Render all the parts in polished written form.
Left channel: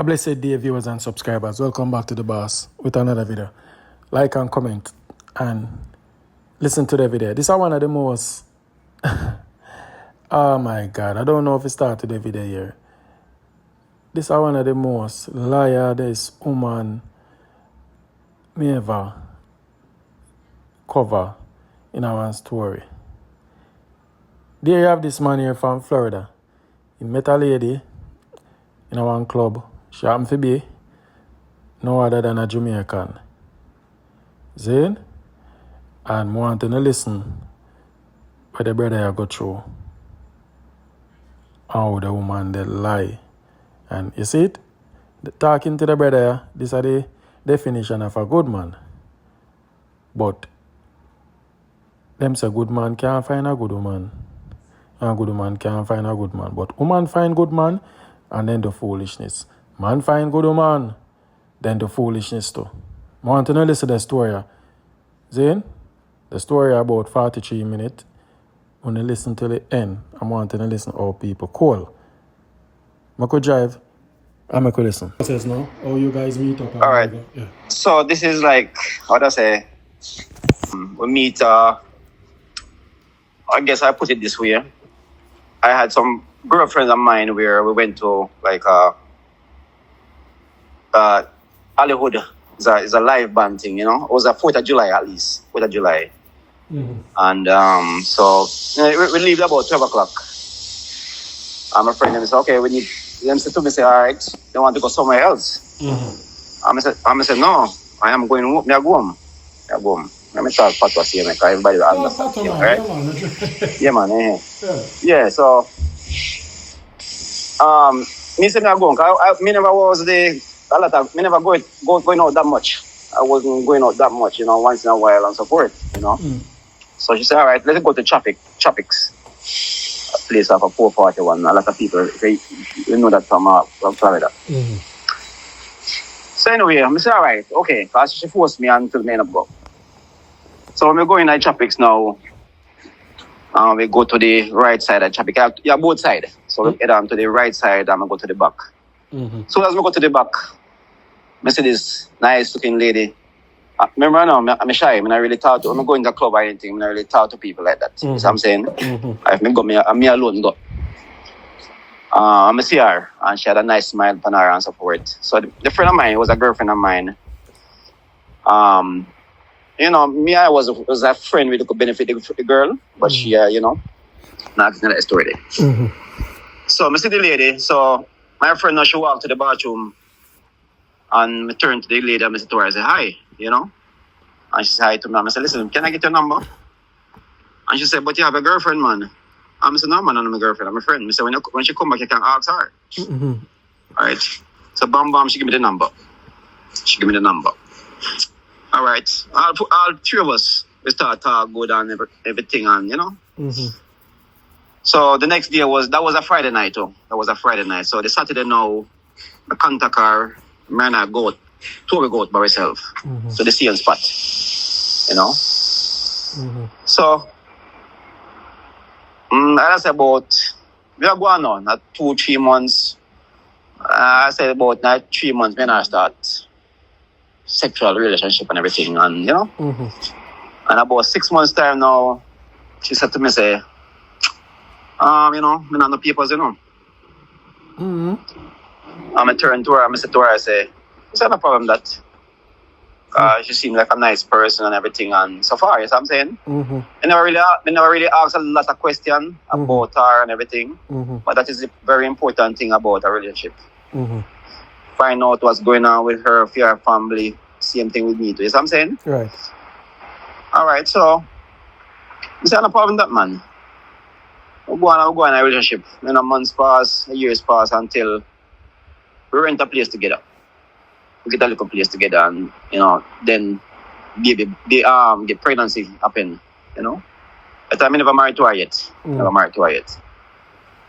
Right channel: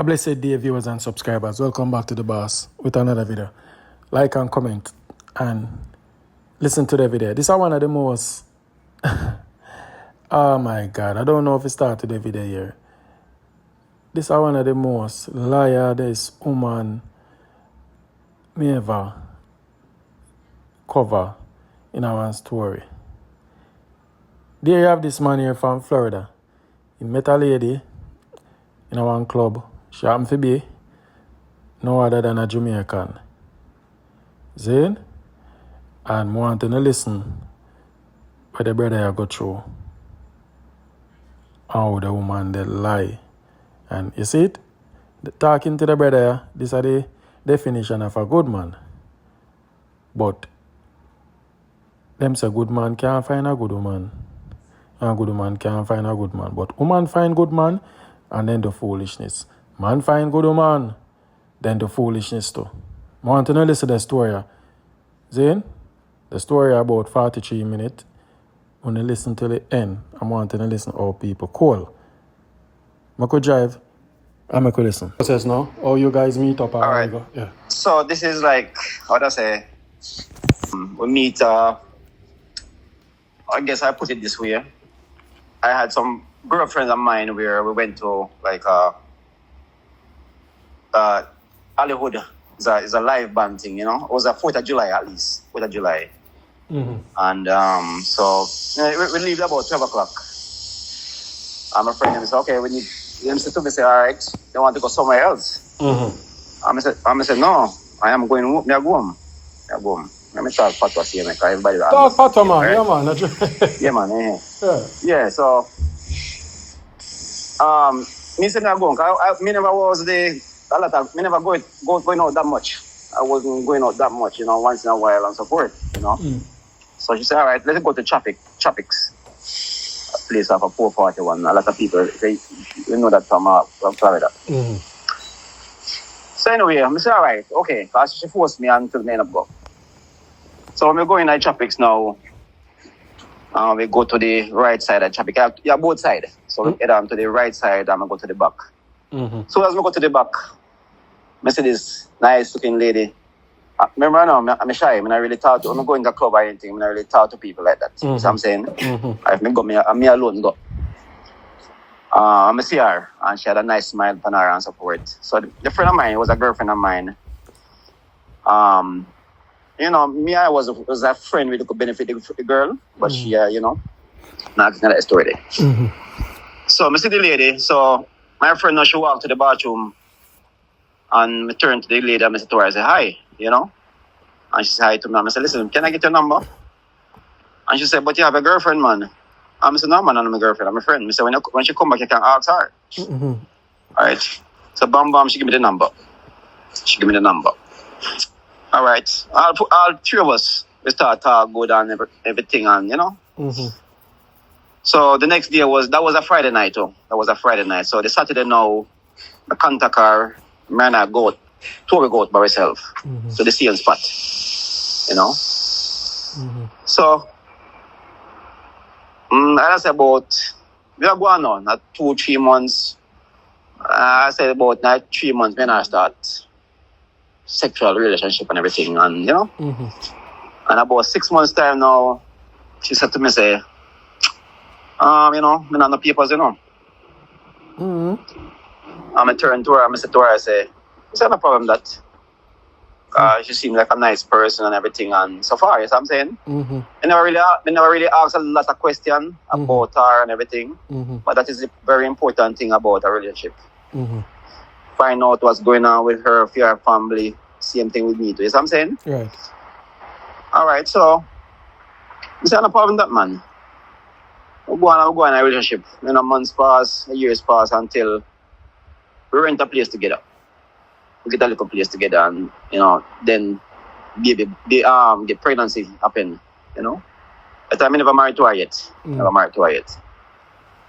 A blessed day, viewers and subscribers. Welcome back to The Boss with another video. Like and comment and listen to the video. This is one of the most... oh my God, I don't know if it started the video here. This is one of the most liarest woman me ever cover in our story. There you have this man here from Florida. He met a lady in one club. She happened to be no other than a Jamaican. See? And wanting to listen what the brother go through. How the woman they lie. And you see it? Talking to the brother, this is the definition of a good man. But them say good man can't find a good woman. And a good woman can't find a good man. But woman find good man and then the foolishness. Man find good woman, then the foolishness too. I want to know listen to the story. Zane, the story about 43 minutes. When you listen to the end, I want to listen to how people call. I could drive, and I could listen. What says now? How you guys meet up? All right. Yeah. So this is like, how do I say? We meet, I guess I put it this way. I had some girlfriends of mine where we went to like Hollywood. It's a live band thing, you know. It was a 4th of July at least. 4th of July. Mm-hmm. And so we leave about 12 o'clock. And my friend said, okay, we need them to me say, all right, they want to go somewhere else. Mm-hmm. I said, no, I am going home. I go home. Let me talk fatwa here, because everybody will fatwa, man. right? Yeah, man. Yeah, man. Yeah, so me say me I go home. Me never was me never going out that much. I wasn't going out that much, you know, once in a while and so forth, you know. Mm. So she said, all right, let's go to Tropics. A place of a 441. A lot of people, you know that from Florida. Mm-hmm. So anyway, I said, all right, okay, because she forced me until me end up go. So when we go in at Tropics now, we go to the right side of Tropics. Yeah, both sides. So we head on to the right side and we go to the back. Mm-hmm. So as we go to the back, I see this nice looking lady. Remember now, I'm shy. I'm not really talk to, I'm not going to the club or anything. I'm not really talk to people like that. Mm-hmm. You know what I'm saying? Mm-hmm. If me go, me alone go. I see her and she had a nice smile on her and so forth. So the friend of mine was a girlfriend of mine. You know, me, I was a friend with who could benefit the girl, but she, you know, that's not a story there. Mm-hmm. So I see the lady. So my friend now, she walked to the bathroom and I turned to the lady and I said to her, I said, hi, you know. And she said hi to me. I said, listen, can I get your number? And she said, but you have a girlfriend, man. I said, no, man, I'm a girlfriend. I'm a friend. I said, when she come back, you can ask her. Mm-hmm. All right. So bam, she give me the number. All right. All three of us, we start talk good and everything and, you know. Mm-hmm. So the next day that was a Friday night, too. That was a Friday night. So the Saturday now, I contact her, man, I go out by myself to the sale spot, you know. Mm-hmm. So, I said about, we are going on at 2-3 months. I said about 3 months when I start sexual relationship and everything, and you know. Mm-hmm. And about 6 months time now, she said to me, say, you know, me not no papers, you know. Mm-hmm. I turn to her, I said to her, I say, it's not a problem that. She seemed like a nice person and everything, and so far, you know what I'm saying? Mm-hmm. I never really asked a lot of questions about her and everything, but that is a very important thing about a relationship. Mm-hmm. Find out what's going on with her, for her family, same thing with me too, you know what I'm saying? Right. All right, so, it's not a problem that, man. We're going in a relationship. You know, months pass, years pass until we rent a place together. We get a little place together and, you know, then get pregnancy happen, you know. But I'm never married to her yet.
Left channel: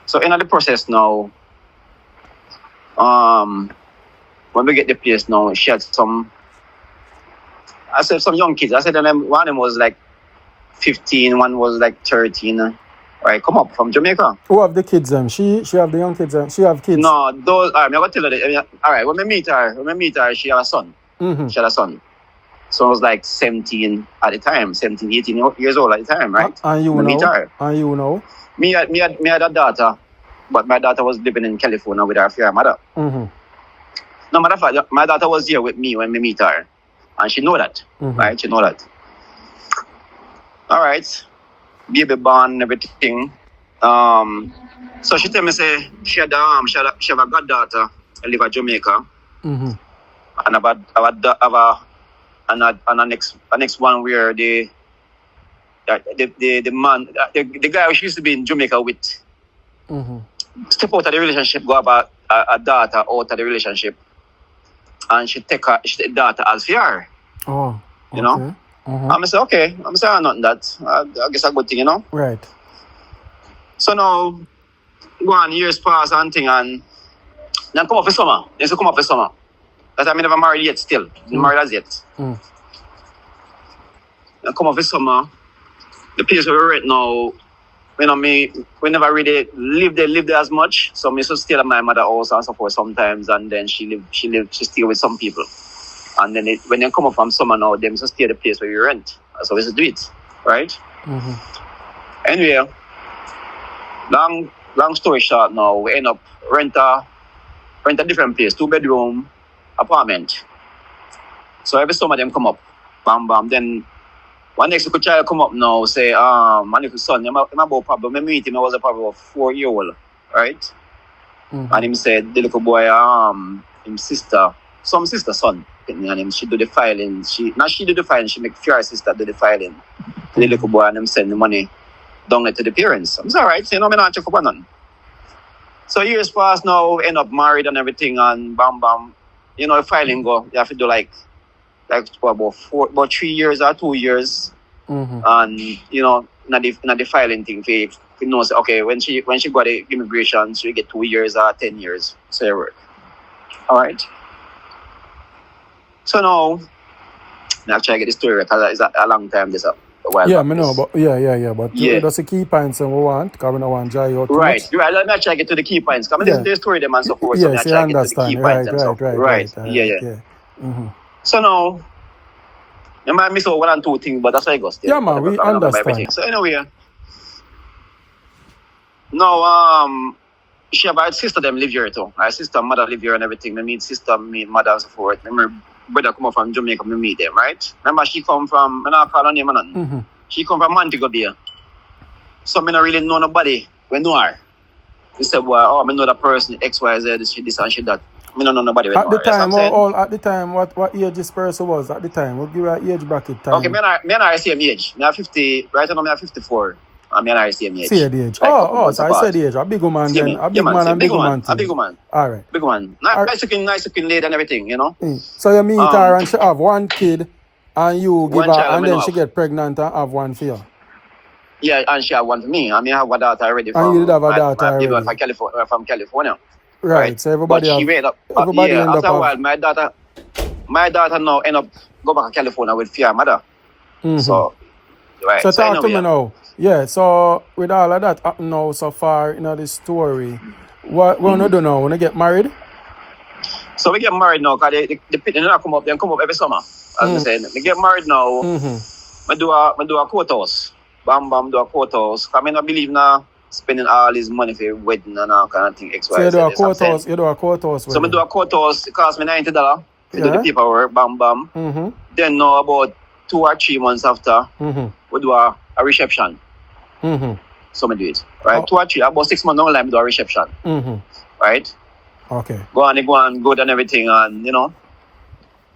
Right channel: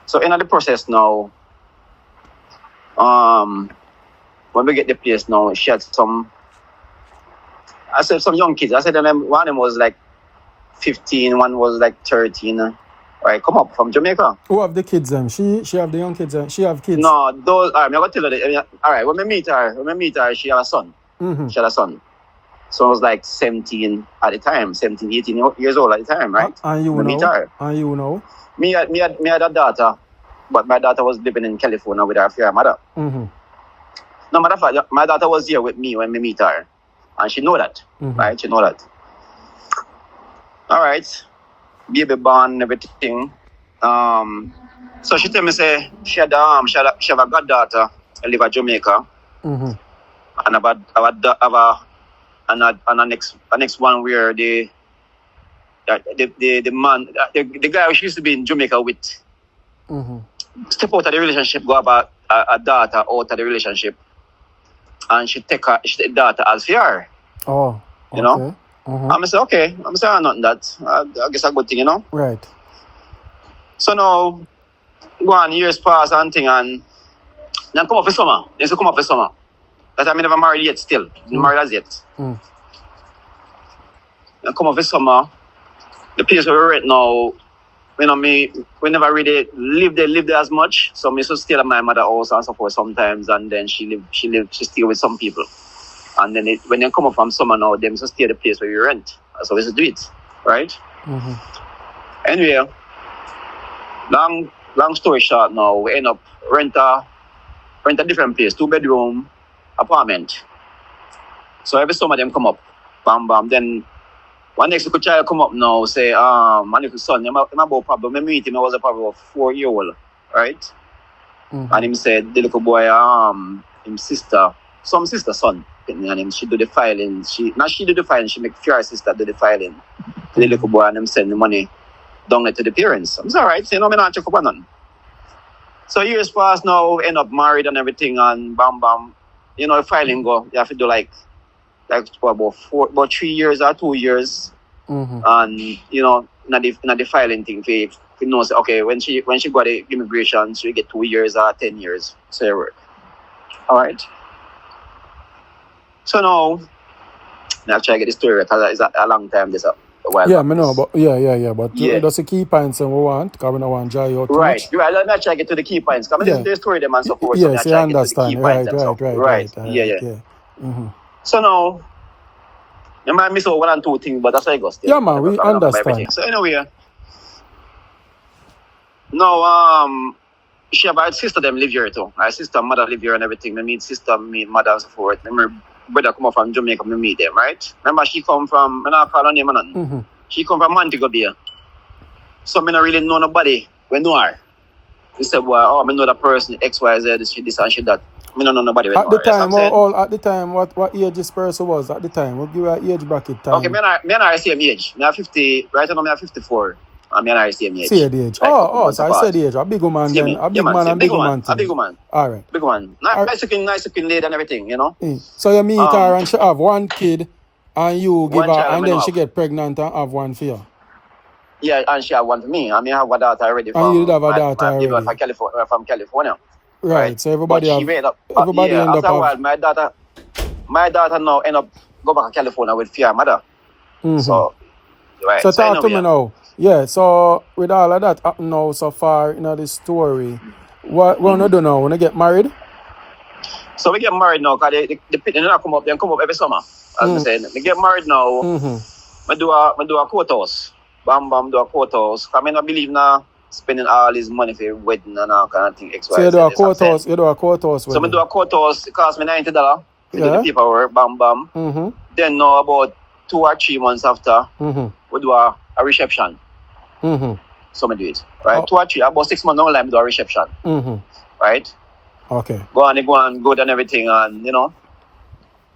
So in the process now, when we get the place now, she had some young kids. I said one of them was like 15, one was like 13. right, come up from Jamaica. Who have the kids then? She have the young kids then? She have kids? No, those, I'm going to tell you, all right, when I meet her, she had a son. Mm-hmm. She had a son. So I was like 17 at the time, 17, 18 years old at the time, right? And you When I know? meet her. And you know? Me had a daughter, but my daughter was living in California with her mother. Mm-hmm. No matter of fact, my daughter was here with me when we meet her. And she know that, right? She know that. All right. Baby born and everything. So she tell me, say, she have a goddaughter and live in Jamaica. Mm-hmm. And have a next one where the man, the guy she used to be in Jamaica with, step out of the relationship, go have a daughter out of the relationship, and she take the daughter as her. Oh, okay. You know? I'm say okay. I'm saying nothing that. I guess a good thing, you know. Right. So now, 1 year pass and thing, and then come up for summer. They say come up for summer. That time I never married yet. Still, married as yet. And come up for summer. The place where we're at now, you know, we never really live there as much. So me so stay at my mother's house and so forth sometimes, and then she stay with some people. And then when they come up from summer now, them just stay at the place where we rent. So we just do it, right? Anyway, long story short now, we end up rent a different place, 2-bedroom apartment. So every summer them come up, bam bam. Then one next little child come up now, say, my little son, I'm about problem. I meet him, I was a problem of 4-year-old, right? And him said, the little boy, him sister, some sister son, and him, she do the filing. She do the filing, she make fear sister do the filing. The little boy and him send the money down to the parents. I'm all right, so you know, I'm not check up on none. So years pass now, end up married and everything, and bam bam. You know, the filing go, you have to do like about 3 years or 2 years. And you know, not the filing thing for you know, say, okay, when she got the immigration, she get 2 years or 10 years. So you work. All right. So now I try to get the story because it's a long time this up. Yeah, I know, but but that's the key points and we want, because we don't want to dry out too much. Right. Let me try to get to the key points. Because listen to the story them and so forth. Yes, so you understand. Right. Yeah. So now, you might miss out 1 and 2 things, but that's how it goes. Yeah, man, we understand. So anyway, now, she have her sister them live here too. Her sister, mother live here and everything. Me meet sister, meet mother and so forth. Remember, brother come up from Jamaica, me meet them, right? Remember, she come from, I'm not calling her name or nothing. She come from Montego Bay. So I don't really know nobody. We know her. We said, well, I know the person, XYZ, she this and she that. I don't know nobody. At the time, what age this person was at the time? We'll give her an age bracket time. Okay, me and her same age. Me are 50, right now me are 54. And me and her same age. Same age. Like, so I said age. A big woman then. A big man and big woman thing. A big woman. All right. Big one. Nice looking lady and everything, you know. So you meet her and she have 1 kid and you give her, and then she get pregnant and have 1 for you. Yeah, and she have 1 for me. I mean, I have a daughter already. And you did have a daughter already. From California. Right. So everybody end up after a while, my daughter now end up go back to California with fear mother. So, right. So talk to me now. Yeah, so with all of that happening now so far in this story, what we want to do now? We want to get married? So we get married now because the people don't come up every summer. As we say, we get married now. I do a courthouse. Bam bam, do a courthouse. I mean, I believe now spending all his money for wedding and all kind of thing. So you do a courthouse. You do a courthouse. So I do a courthouse. It cost me $90 to do the paperwork. Bam bam. Then now about 2 or 3 months after, we do a reception. So I do it. Right? 2 or 3, about 6 months down the line, we do a reception. Right? Okay. Go on good and everything, and you know.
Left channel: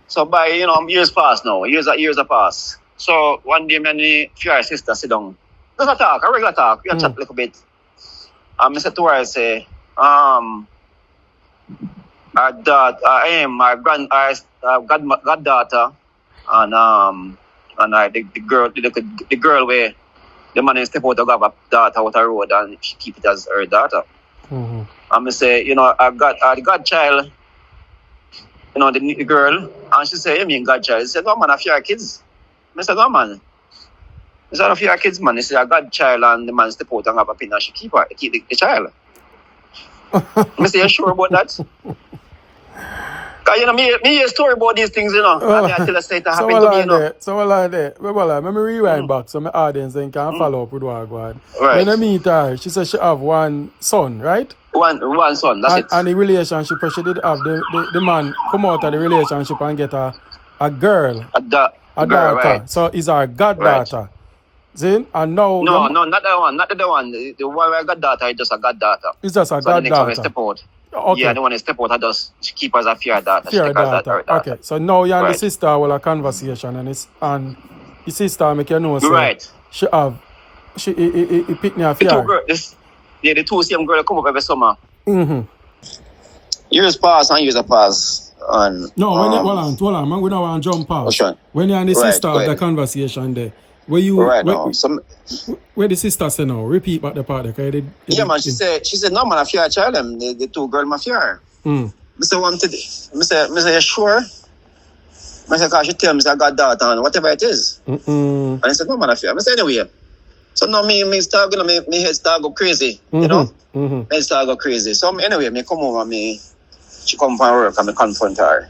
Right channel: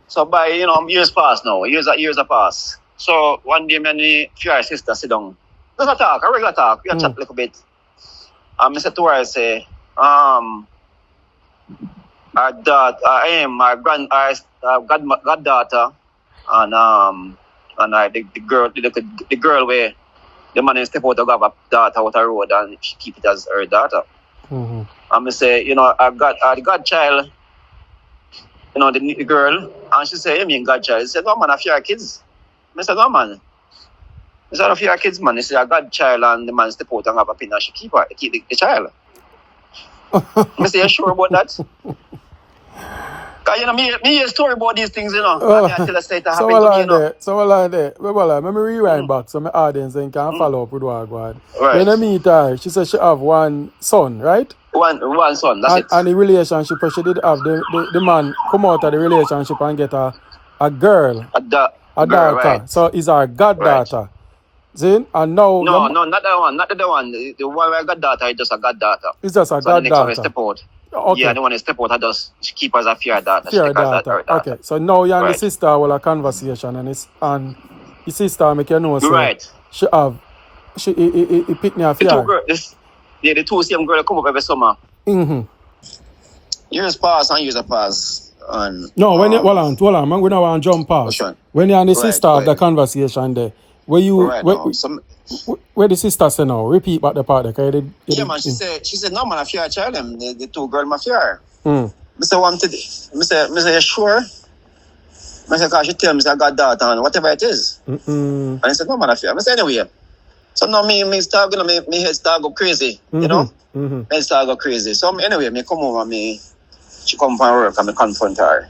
So by years pass now. Years are pass. So one day, me and the few sister sit down. Just a talk, a regular talk. We chat a little bit. And I said to her, I say, our goddaughter, and the girl where the man step out to have a daughter out the road and she keep it as her daughter. And I say, the godchild, the girl, and she say, you mean godchild? She said, no man, I have 4 kids. I said, no man. It's not for your kids, man. It's a godchild and the man step out and have a pin and she keep the child. I say, you sure about that? Because, you know, me hear a story about these things, you know. And I tell us that it happened to me, you know. So let me rewind back so my audience then can follow up with what I go on. Right. When I meet her, she said she have one son, right? One son, that's it. And the relationship, she did have the man come out of the relationship and get a girl, A daughter. Right. So it's our goddaughter. Right. See? And now... No, not that one. Not the one. The one where I got daughter is just a goddaughter. It's just a goddaughter. The next one step out. Okay. Yeah, the one who step out, I just keep as a fear daughter. Fear daughter. Okay. So now you and the sister will have a conversation and the sister make you know say she pick me a fear. The two same girls come up every summer. Mm-hmm. Years pass and years pass. No, hold on, man. We don't want to jump past. Okay. When you and the sister have the conversation there, where the sister say now? Repeat back the part there. Man, she said, no, man, I fear a child, the two girls, I fear. I say, you sure? I said, because she tell me I got daughter and whatever it is. And I said, no, man, I fear. I said, anyway. So now me start, you know, me head start go crazy, you know? Me start go crazy. So anyway, me come over, she come from work and me confront her.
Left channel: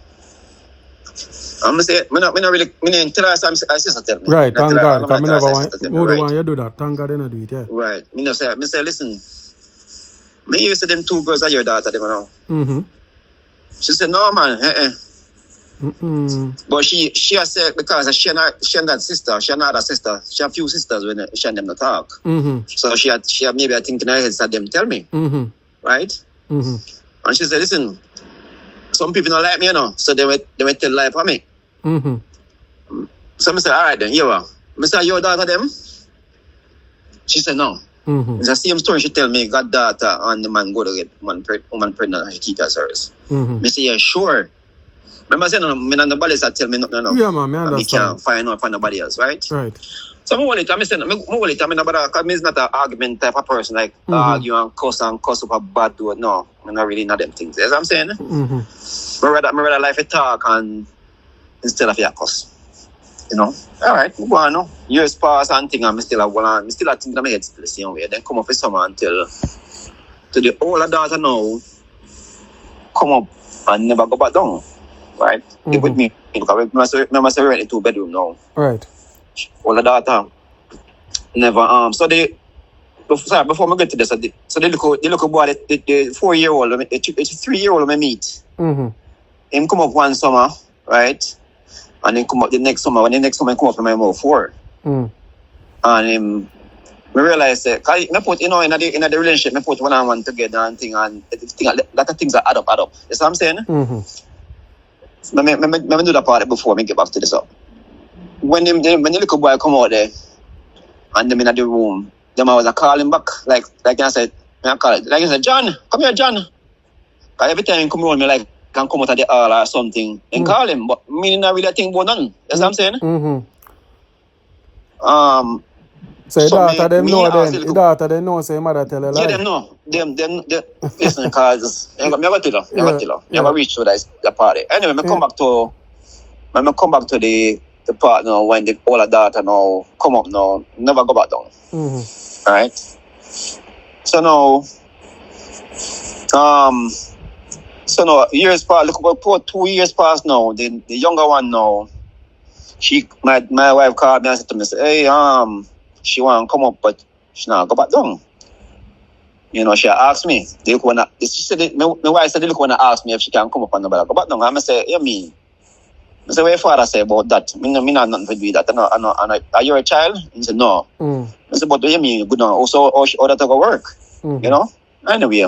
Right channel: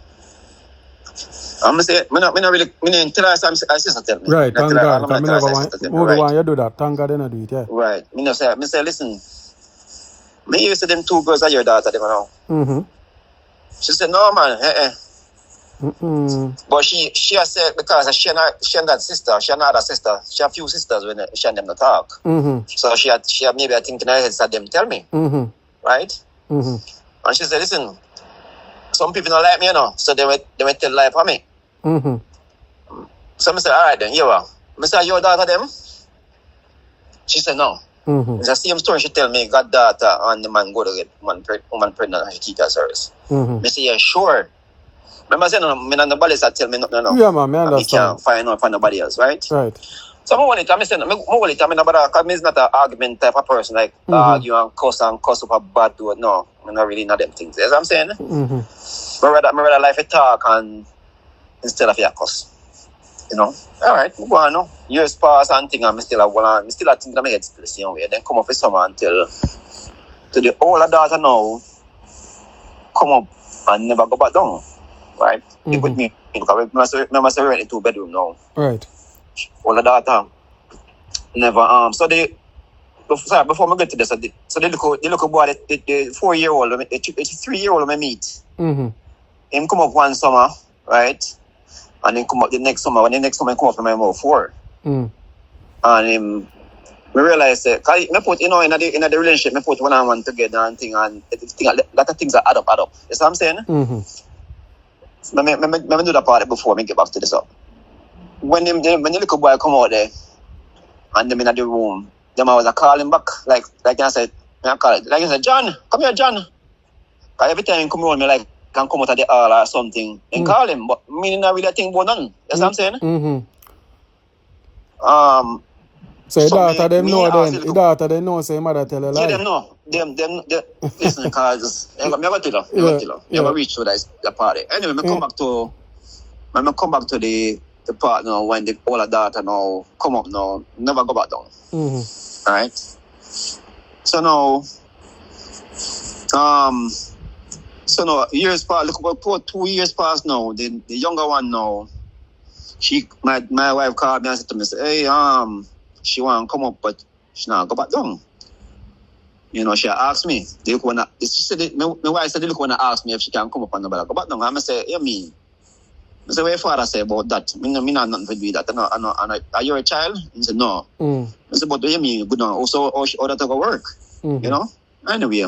I'm say, me not really, me didn't tell her some sister tell me. Right, thank God, because me never want you do that. Thank God they don't do it, yeah. Right. Me say, listen, me used to them two girls are your daughter, them now. She said, no, man, But she has said, because she and that sister, she and other sister, she have few sisters when she and them not talk. So she had maybe I think in her head that them tell me. Right? And she said, listen, some people don't like me, you know, so they will tell lie for me. So I said, all right then, you are. I said, your daughter them? She said, no. It's the same story she tell me, got daughter and the man go to get woman pregnant and he keep her service. I say, yeah, sure. Remember saying, me and nobody else tell me nothing. Yeah, man, I understand. Me can't find out for nobody else, right? Right. So because I'm not an argument type of person, like argue and cuss up a bad dude. No, I'm not really not them things. You know what I'm saying? I rather life a talk and instead of your cuss. You know? All right, go on now. Years pass and thing and I still think in my head still the same way. Then come up with someone until to the older daughter now come up and never go back down. Right? Live with me because I must rent a 2-bedroom now. Right. Older daughter never before I get to this, so the little boy, the 4-year-old, the 3-year-old I meet. Him come up one summer, right? And then come up the next summer. When the next summer come up from my mouth 4. And I realize that I put, you know, in the relationship, I put one together and thing, and lot of things are add up. You know what I'm saying? Let me do that part before I get back to this up. When the little boy come out there, and them in the room, them I was calling back, like I said, John, come here, John. Because every time he come around me, like, can come out of the hall or something, and call him, but me not really think about nothing. You know what I'm saying? So your daughter them know then, your daughter they know, so your mother tell her lie. Yeah, them know. Them listen, because I never tell her. Never reach to that party. Anyway, I come back to the part now when the older daughter now come up now, never go back down. Right? So now years pass, look about 2 years past now, the younger one now, my wife called me and said to me, hey, she want to come up, but she not go back down. You know, she asked me, she said, my wife said, look, when I asked me if she can come up and go back down. I'm say, yeah, me. I said, what your father say about that? Me not nothing to do with that. I know, are you a child? He said, no. I said, but what do you mean? Good now. Also, how that to go work? You know? Anyway.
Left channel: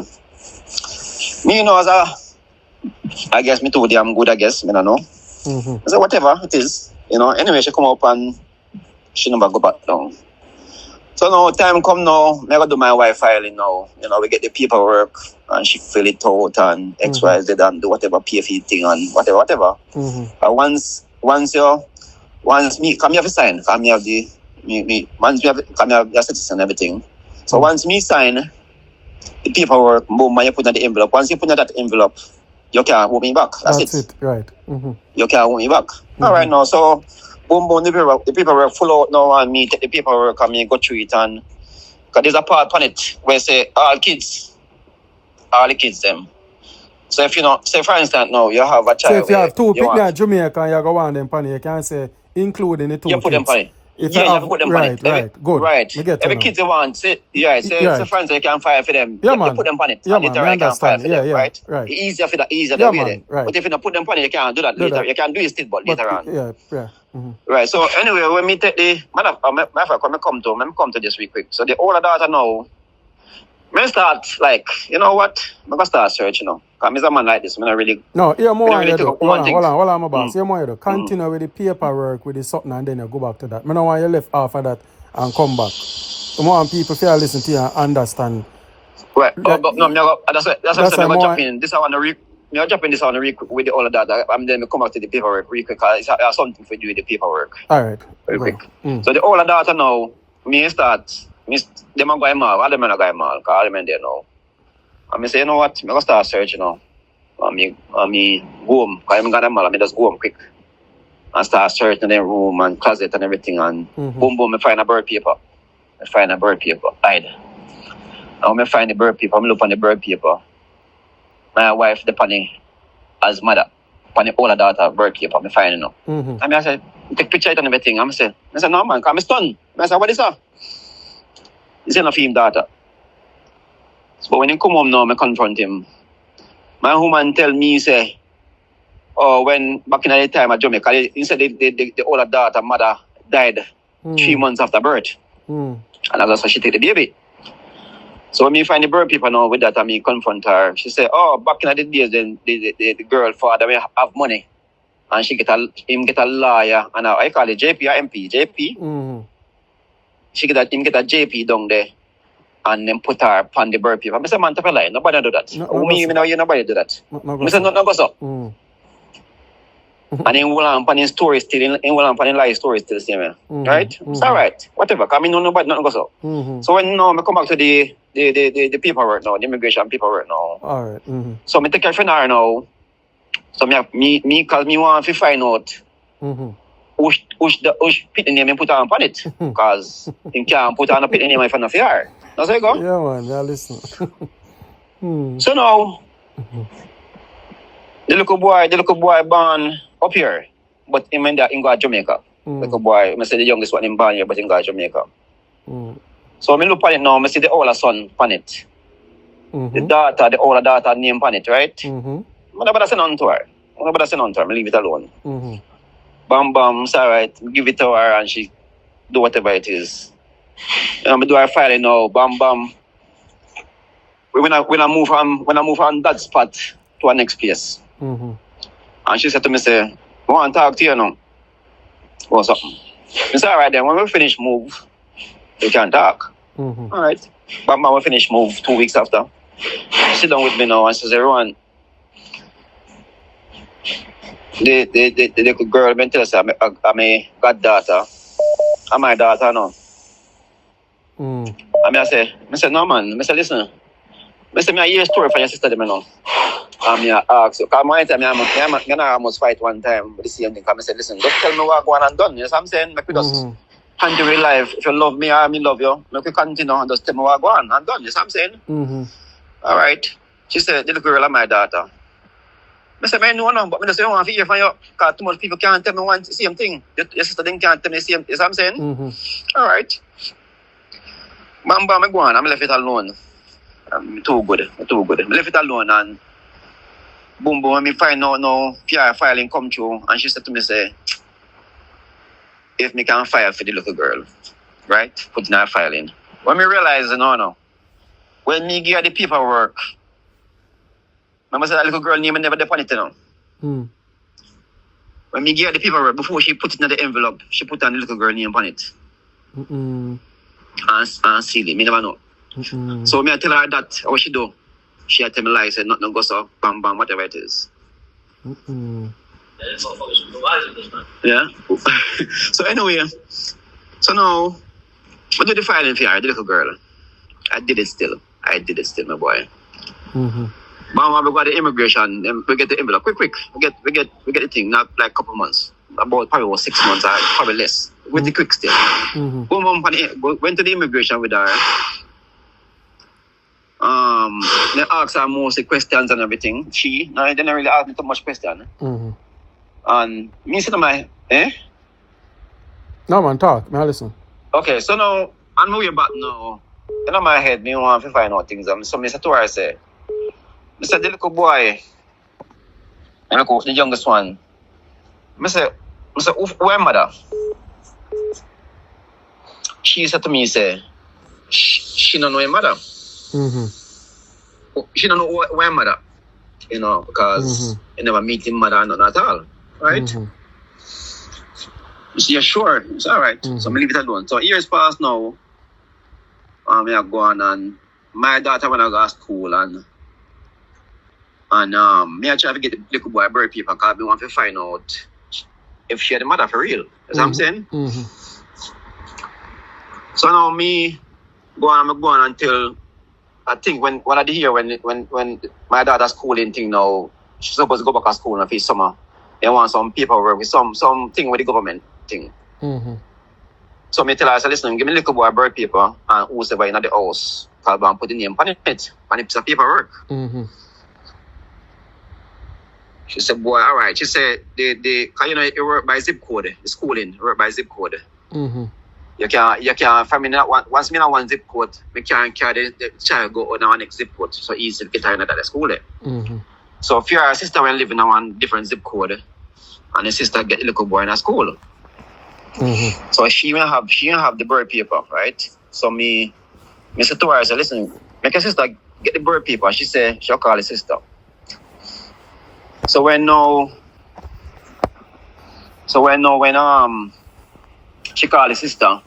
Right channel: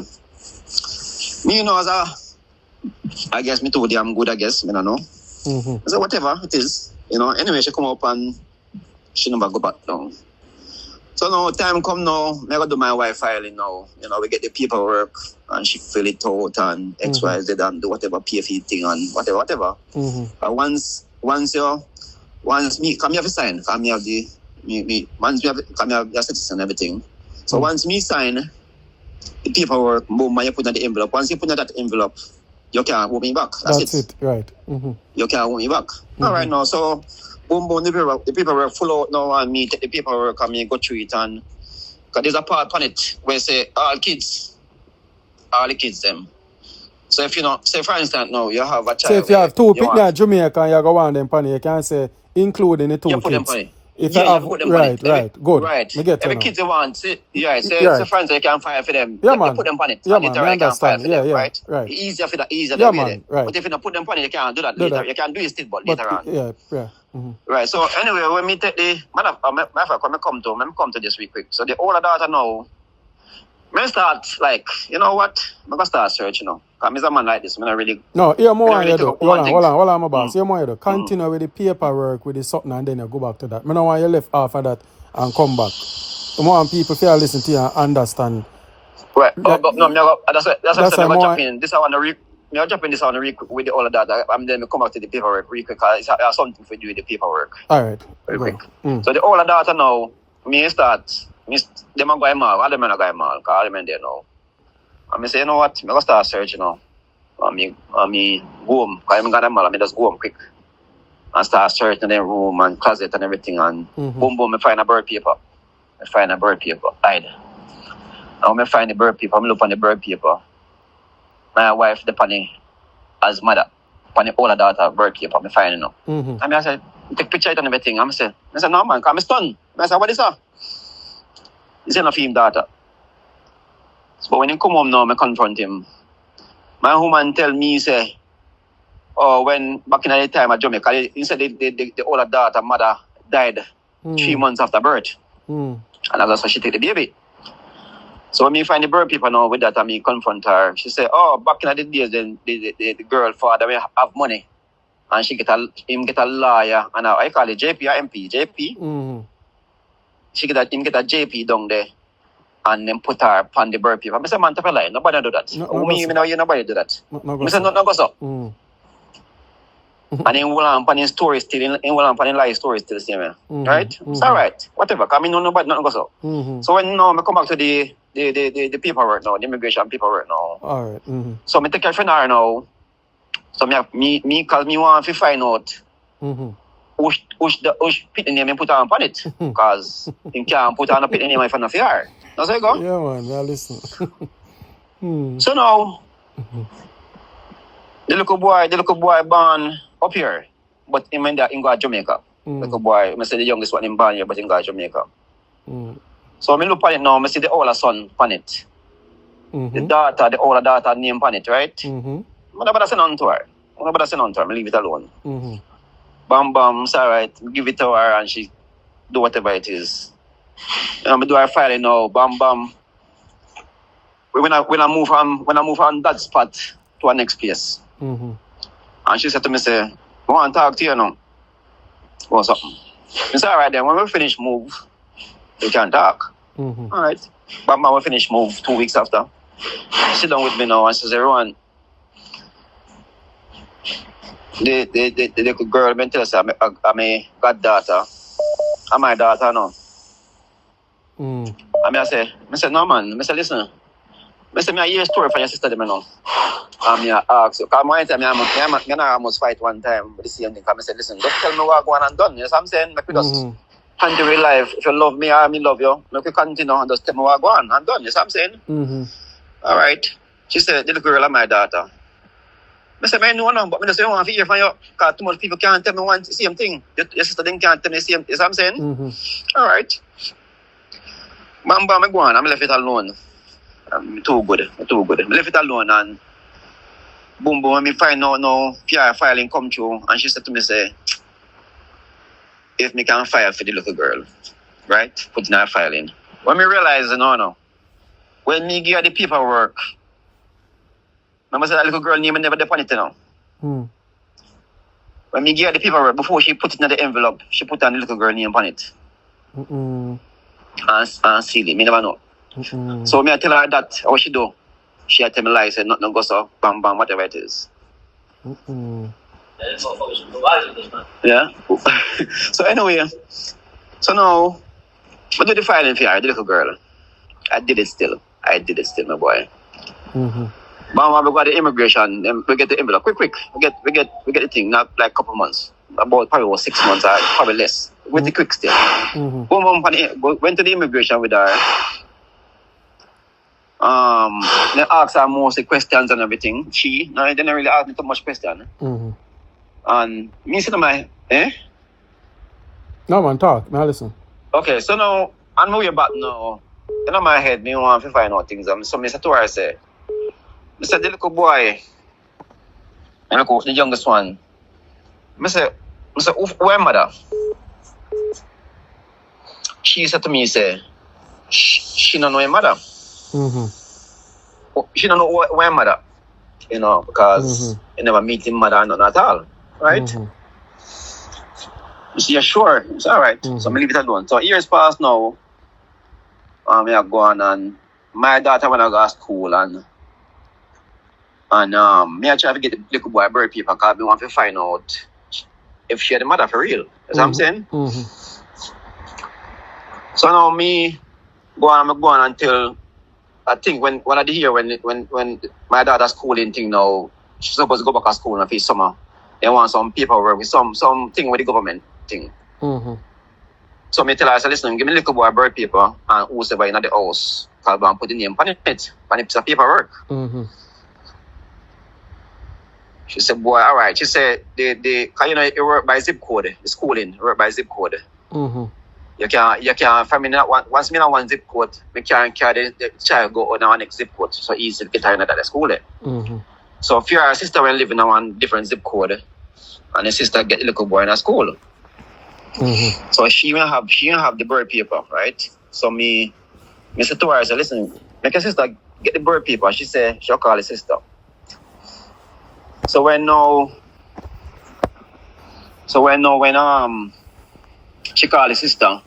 Me, you know, I guess me told you I'm good, I guess. I don't know. I said, whatever it is. You know, anyway, she come up and she never go back down. So now time come now, I gotta do my wife filing now. You know, we get the paperwork and she fill it out and XYZ and do whatever PFE thing and whatever. Once me come here to sign, come here have once we have come here have the citizen and everything. So once me sign the paperwork, boom, you put in the envelope. Once you put in that envelope, you can't move me back. That's it. Right. You can't move me back. All right now, so Boom, boom, the paperwork full out now and me take the paperwork and me go through it and because there's a part on it where say all the kids them. So if you know, say for instance now you have a child. So if you have two you people want- in Jamaica and you go on them pan, you can say including the two you put them kids. on it. If Yeah, you you have, have to put them right, on it. right, good. Right. Me get you Every now. kids you want, say, yeah, say, Right. say friends you can fire for them. Yeah, you man. put them on it. Yeah, and man, later me you can fire understand. for Yeah, them, yeah, right? right. Easier for that, easier Yeah, the way man, there. right. But if you don't put them on it, you can't do that Do later. that. You can do it still, but But later on. yeah, yeah. Mm-hmm. Right. So anyway, when me take the matter of come to this real quick. So the older daughter now, me start like, you know what? I'm gonna start search, you know. Cause I'm a man like this. I'm not really. No, here more really you take do. up one thing. Hold on, my boss. Here more you do. Continue with the paperwork, with the something, and then you go back to that. I don't want you left off of that and come back. I want people to listen to you and understand. Right. That- But no, that's That's what I'm more- dropping. This I want to me dropping this on real quick with the older data. I'm then come back to the paperwork real quick because it's something for you with the paperwork. All right. Very Go. quick. So the older data now, me start, them are going mal, all them are going mal, because all them in there now. And me say, you know what, I'm going to start searching now. And me go home, because I'm going to mal, I just go home quick. And start searching in the room and closet and everything. And boom, boom, I find a bird paper. Hide. And when I find the bird paper, I look on the bird paper. My wife, the penny, as mother. On the older daughter, bird paper, I find it now. And I said, take picture it and everything. I said, no man, because I'm stunned. I said, what is that? He said, no film daughter. So when he come home now, I confront him. My woman tell me, say, oh, when back in the time at Jamaica, he said the older daughter, mother, died 3 months after birth. And that's why she take the baby. So when me find the bird people now with that, I me confront her. She said, oh, back in the days, then the girl father will have money. And him get a lawyer, and I call it JP or MP? JP? Him get a JP down there, and then put her upon the bird people. I said, man, tell a lie, nobody do that. Nobody do that. I said, no go so. And in Willam Panning story still, in Willam Panning lie story still the same, right? It's all right, whatever. Cause I know nobody nothing go so. So when now I come back to the paperwork now, the immigration paperwork now. All right. So I take care of her now. So me cause me want to find out which pit name I put on it. Cause him can't put on a pit name if I'm not fair. That's how it go. Yeah, man. Yeah, listen. So now the little boy born up here, but him and that in go to Jamaica. Little boy, I say the youngest one in born here, but in go to Jamaica. So I look at it now, I see the older son on it. The older daughter name on it, right? Nobody say nothing to her. I leave it alone. Bam bam, it's alright. Give it to her and she do whatever it is. I do her filing now, bam bam. When I move on that spot to our next place. And she said to me, say, I want to talk to you now. What's up? I said, all right then, when we finish move, we can talk. All right. But we finish move 2 weeks after. She sit down with me now and she says, Rowan, the little girl been tell us I'm a goddaughter. I'm my daughter now. And I say, no man. I say, listen. I say, I hear a story from your sister now. And I ask you, because my time, I almost fight one time with the same thing. I said, listen, just tell me what going on done. You know what I'm saying? Make me just handle your life. If you love me, I love you. Make me continue and just tell me what going on done. You know what I'm saying? All right. She said, the little girl is my daughter. I said, I know now, but I just want to hear from you. Because too much people can't tell me one same thing. Your sister can't tell me the same. You know what I'm saying? All right. Bam, bam, I go on. I'm left it alone. I'm too good. I left it alone and boom, boom, when me find out no PR filing come through and she said to me, say, if me can file for the little girl, right? Put in her filing. When me realize, no. When me give her the paperwork, remember say that little girl name never depend it, you know. When me give her the paperwork, before she put it in the envelope, she put on the little girl name on it. And seal it. Me never know. So me I tell her that what she do. She had tell me lie, said nothing goes so, bam bam, whatever it is. Yeah. So anyway, so now I do the filing for her, the little girl. I did it still, my boy. Bam bam, we got the immigration, then we get the envelope. Quick. We get the thing, not like a couple months. about probably was 6 months or probably less. With the quick step. Went to the immigration with her. They asked her most of the questions and everything. They didn't really ask me too much question. And me said to my, No man, talk. Now listen. Okay, so now, I'm way back now. In my head, me want to find out things. So I said to her, I said, the little boy, and I go, the youngest one. I said, where mother? She said to me, say, she don't know her mother. She don't know where mother, because you never meet him mother not at all, right? She said, sure, it's all right. So I leave it alone. So years passed now. I have gone and my daughter when I go to school and me I try to get the little boy birth paper because I want to find out if she had the mother for real. You know what I'm saying? So now me go on until I think when I did hear when my daughter's schooling thing now, she's supposed to go back to school in the summer. They want some paperwork with some thing with the government thing. So me tell her, I said, listen, give me a little boy birth paper and whoever in the house, because I'm put the name on it, on a piece of paperwork. She said, boy, all right. She said, because you work by zip code, the schooling, work by zip code. You can, for me, once me not one zip code, me can carry the child go on our next zip code, so easy to get her in the school there. So if your sister will live in one different zip code, and the sister get the little boy in a school. So she will have the birth paper, right? So me said to her, I said, listen, make your sister get the birth paper. She said she'll call the sister. So when she called the sister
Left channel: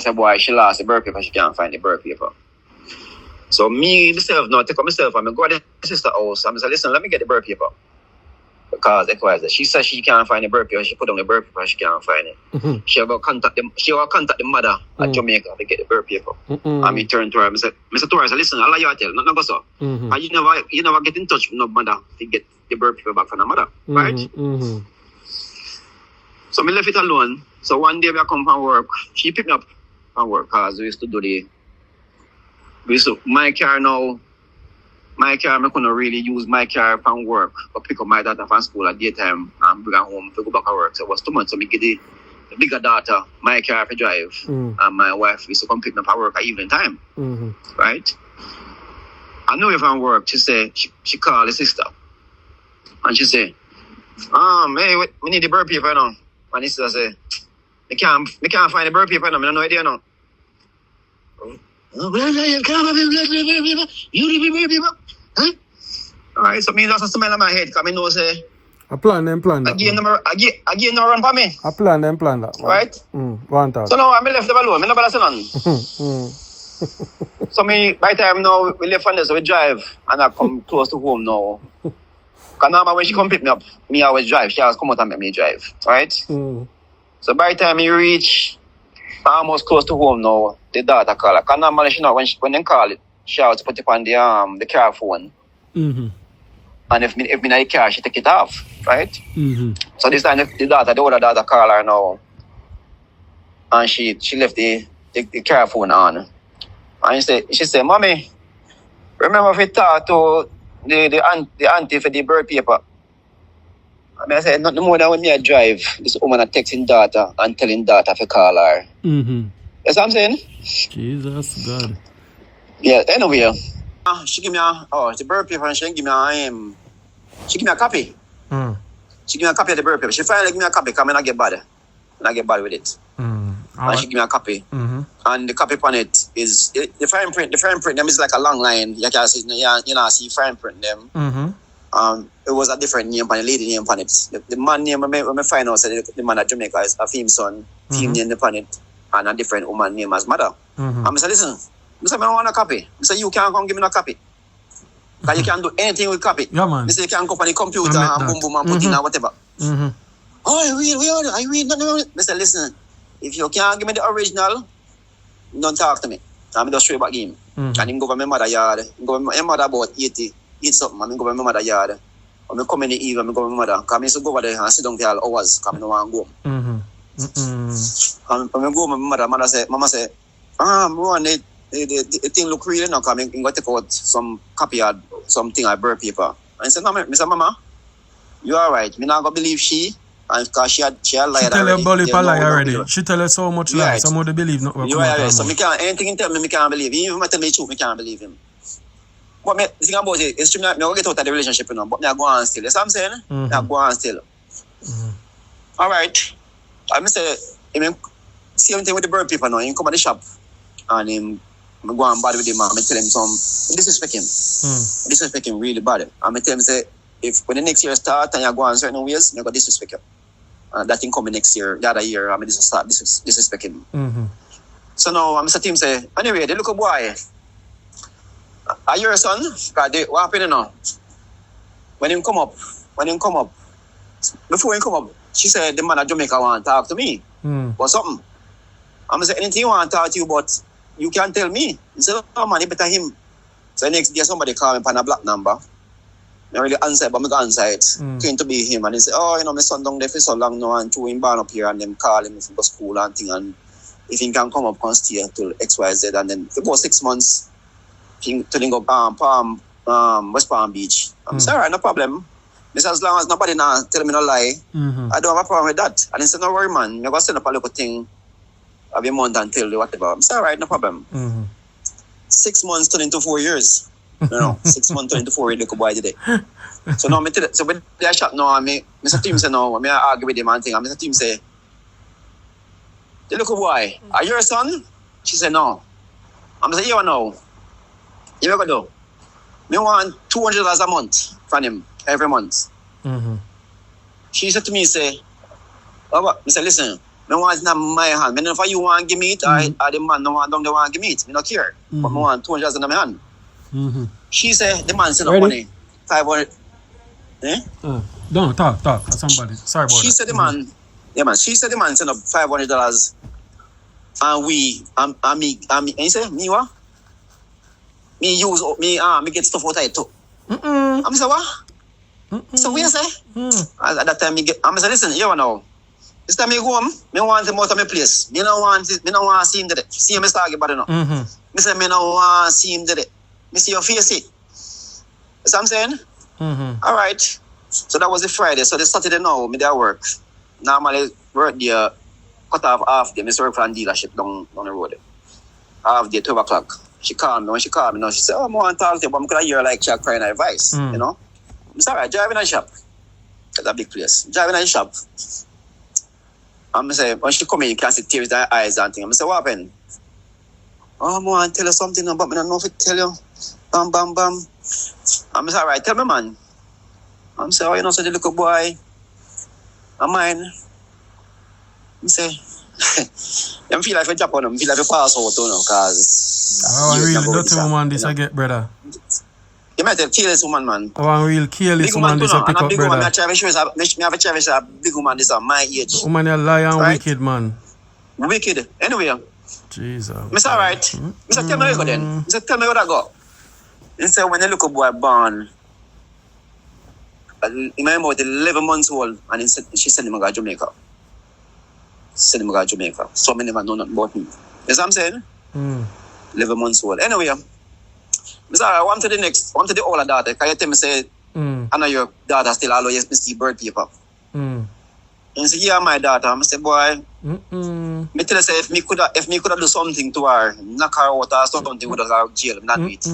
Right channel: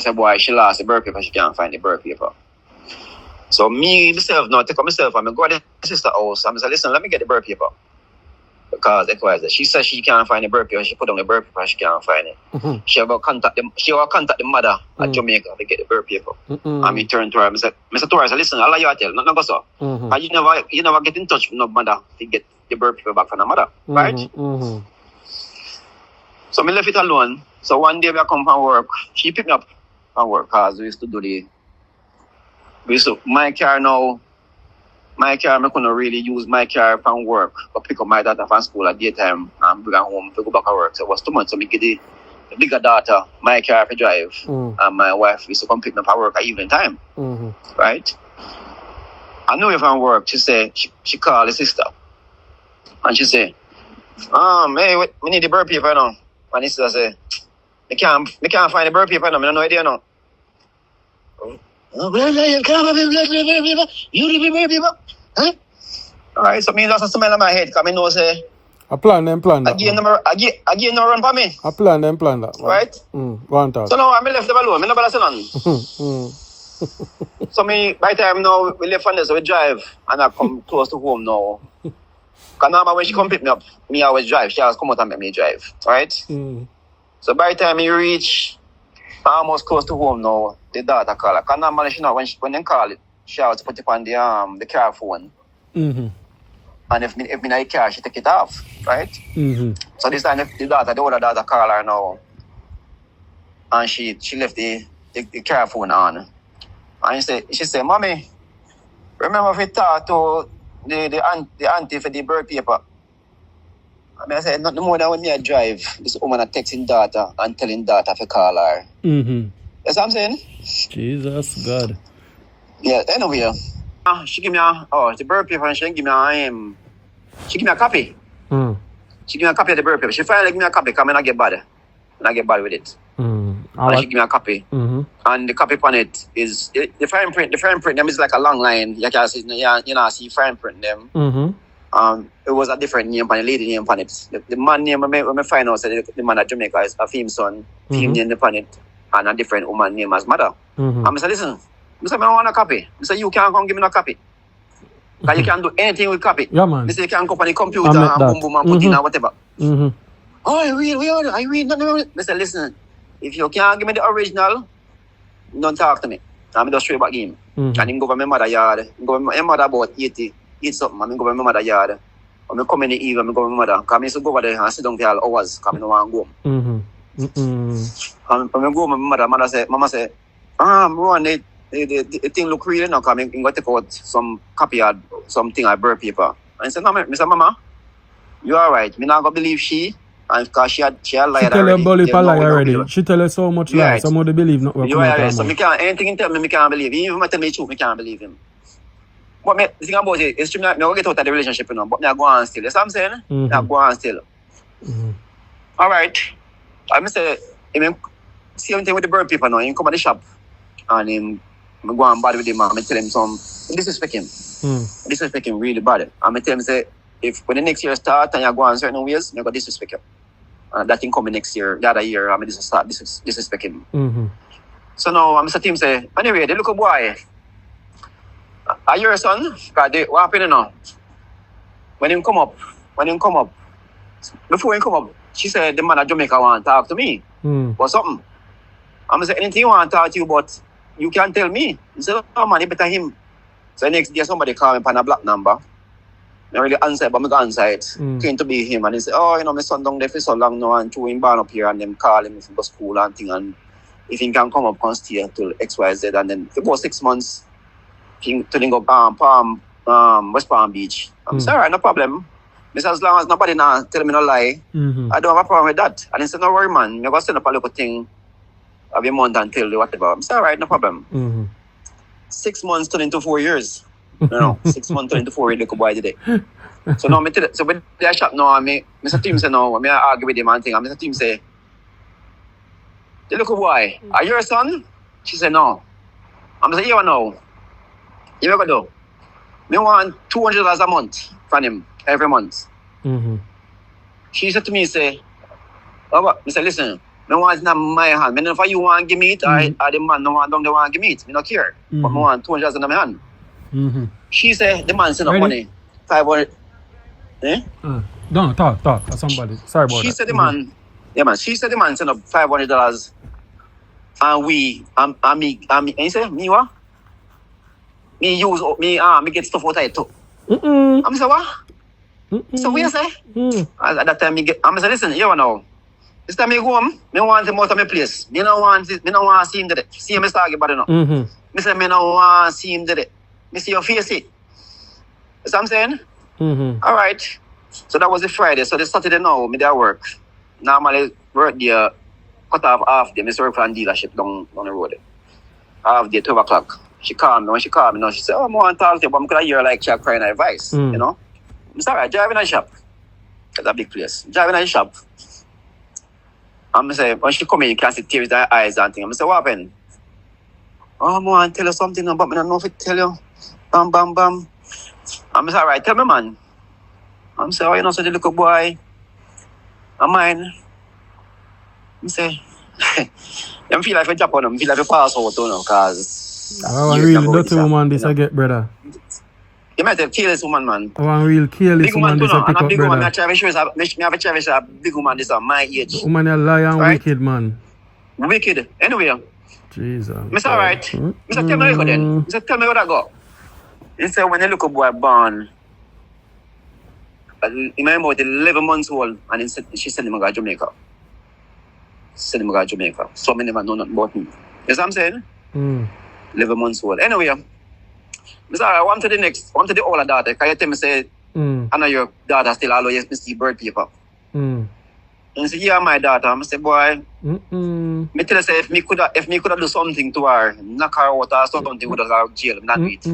said, boy, she lost the birth paper, she can't find the birth paper. So myself, take up myself, I'm going to go to the sister's house. I'm saying, listen, let me get the birth paper. Because she said she can't find the birth paper, she put on the birth paper, she can't find it. She will contact the mother at Jamaica to get the birth paper. And me turn to her, I said, listen, I'll let you tell, not go so. And you never get in touch with no mother to get the birth paper back from the mother, right? So me left it alone. So one day I come from work, she picked me up from work because we used to do my car, I couldn't really use my car from work to pick up my daughter from school at daytime and bring her home to go back to work. So it was too much. So me get the bigger daughter, my car to drive, and my wife used to come pick me up at work at evening time. Right? I knew her from work. She said, she called the sister. And she said, hey, we need the birth paper now. And the sister said, I can't find the birth paper now. I have no idea now. You the birth paper? Huh? All right, so me just a smell in my head because I know say I plan that. Again, no run for me. I plan that. Right? One talk. So now I left them alone. I never say nothing. So me, by the time now, we left on this, so we drive and I come close to home now. Because now when she come pick me up, me always drive. She always come out and make me drive. Right? So by the time we reach almost close to home now, the daughter call her. Because normally she know when they call it, she always put it on the car phone. And if me in the car, she take it off, right? So this time the older daughter call her now. And she left the car phone on. And she said, Mommy, remember if we talk to the auntie for the birth paper? I said, not more than when me I drive, this woman is texting daughter and telling daughter to call her. That's what I'm saying? Jesus God. Yeah, anyway. She give me the birth paper and she give me a copy. She give me a copy of the birth paper. She finally give me a copy because I not get bad with it. And she give me a copy. And the copy on it is the fine print them is like a long line. You can see see fine print them. It was a different name on the lady name on it. The man name when I find out said the man at Jamaica is a theme son, theme name on it, and a different woman name as mother. And I said, listen, I said, I don't want a copy. I said, you can't come give me no copy. Because you can do anything with copy. Yeah, man. I said, you can go on the computer and boom boom and put in or whatever. I read. No. I said, listen, if you can't give me the original, don't talk to me. I'm just straight back in. And then go to my mother yard. Go to my mother about 80 something. And then go to my mother yard. when I come in the evening, I go with my mother. Because I used to go over there and sit down there all hours because I don't want to go home. And when I go with my mother, Mama say, Rowan, the thing look real now because I'm going to take out some copy of something I burn paper. And I said, no, Mr. Mama, you all right. I'm not going to believe she. And because she had lied already. She tell you bully for lie already. She tell you so much lie. Some of the believe not what come out of her so mouth. anything he tell me, I can't believe. Even if I tell me the truth, I can't believe him. But the thing about it, it's true, I'm going to get out of the relationship, you know, but I go on still. You see what I'm saying? I go on still. All right. I say, same thing with the bird people now. He come at the shop and I go on bad with him and I tell him disrespect him. Disrespect him really bad. And I tell him, say, if when the next year start and you go on certain ways, you go disrespect him. That thing coming next year, the other year, I'm going to start disrespect him. So now I'm saying, say, anyway, they look a boy. Are you your son? Because what happened now? When him come up, before he come up, she said the man at Jamaica want to talk to me. Or something. I'm going to say, anything you want to talk to you, but you can't tell me. He said, oh man, you better him. So the next day somebody called me on a black number. I really answer, but I go answer it. Came to be him, and he said, oh, you know, my son down there for so long now, and threw him born up here, and them call him if he go school and thing, and if he can come up and stay till XYZ, and then for about 6 months, he to go West Palm Beach. I'm sorry, alright, no problem. I said, as long as nobody now tell me no lie, I don't have a problem with that. And he said, no worry, man, I'm going to send up a little thing of a month until whatever. I'm sorry, alright, no problem. 6 months turned into 4 years. No, 6 months turned into 4 years, look boy today. So now, so when they shop now, Mr. Tim say no, I argue with him and thing, and Mr. Tim say, the little boy, are you your son? She said, no. I'm saying, you know. You ever do? Me want $200 a month from him every month. She said to me, say, oh, I said, listen, I want it in my hand. I know if you want to give me it, or the man don't want to give me it. I don't care. But I want $200 in my hand. She said, the man sent up money. 500. Don't talk. Somebody. Sorry about that. She said the man, she said the man sent up $500. And and he said, me what? Me get stuff out of it too. I'm say what? So what you say? At that time I'm say listen, you know. This time I go home, I want him out of my place. I don't want to see him today. See him talking about it now. I say I don't want to see him today. I see your face it. That's what I'm saying? All right. So that was the Friday. So the Saturday now, I there work. Normally work there, cut off half day. I work for a dealership down the road. Half day, 12 o'clock. She called me. When she called me, she said, oh, I want to talk to you, but I'm going to hear like she crying advice, you know? I'm sorry, driving a shop. That's a big place. Driving a shop. I'm say, when she come in, you can see tears in her eyes and things. I'm say, what happened? Oh, I want to tell you something, but I don't know if I tell you. Bam, bam, bam. I'm say, all right, tell me, man. I'm say, oh, you know, so the little boy, I'm mine. I'm say, I feel like I drop on him. I feel like I pass out on him, because... I really dirty woman this I get, brother. You might have killed this woman, man. I want real kill this woman this I pick up, brother. I have a cherish a big woman this at my age. The woman is lying and wicked, man. Wicked. Anyway. Jesus. Mr. Alright. Mr. Tell me where you go then. Mr. Tell me where I go. He said when the little boy born, he might about 11 months old, and she sent him to Jamaica. Send him to Jamaica. So many never know nothing about me. You see what I'm saying? 11 months old. Anyway, Mr. I want to the older daughter. Can you tell me, say, I know your daughter still always see bird paper. And he said, yeah, my daughter. I say, boy, me tell you, say, if me could have do something to her, knock her out or something with her jail, not do it.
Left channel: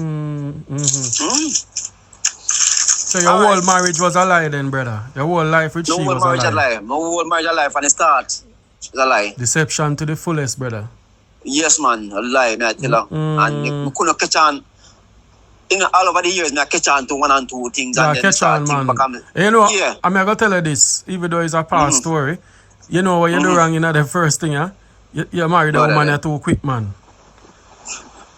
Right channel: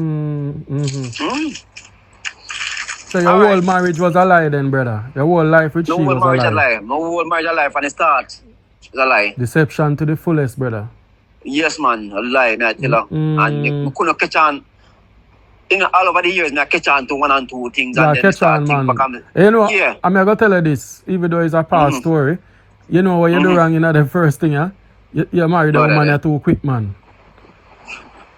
So your whole marriage was a lie then, brother? Your whole life with she was a lie? No whole marriage a lie from the start. It's a lie. Deception to the fullest, brother. Yes, man. A lie, me I tell you. And we couldn't catch on. All over the years, I catch on to one and two things. Yeah, and then catch on, man. You know, yeah. I'm going to tell you this, even though it's a past story. You know what you do wrong in the first thing, yeah? You married a woman, you're too quick, man.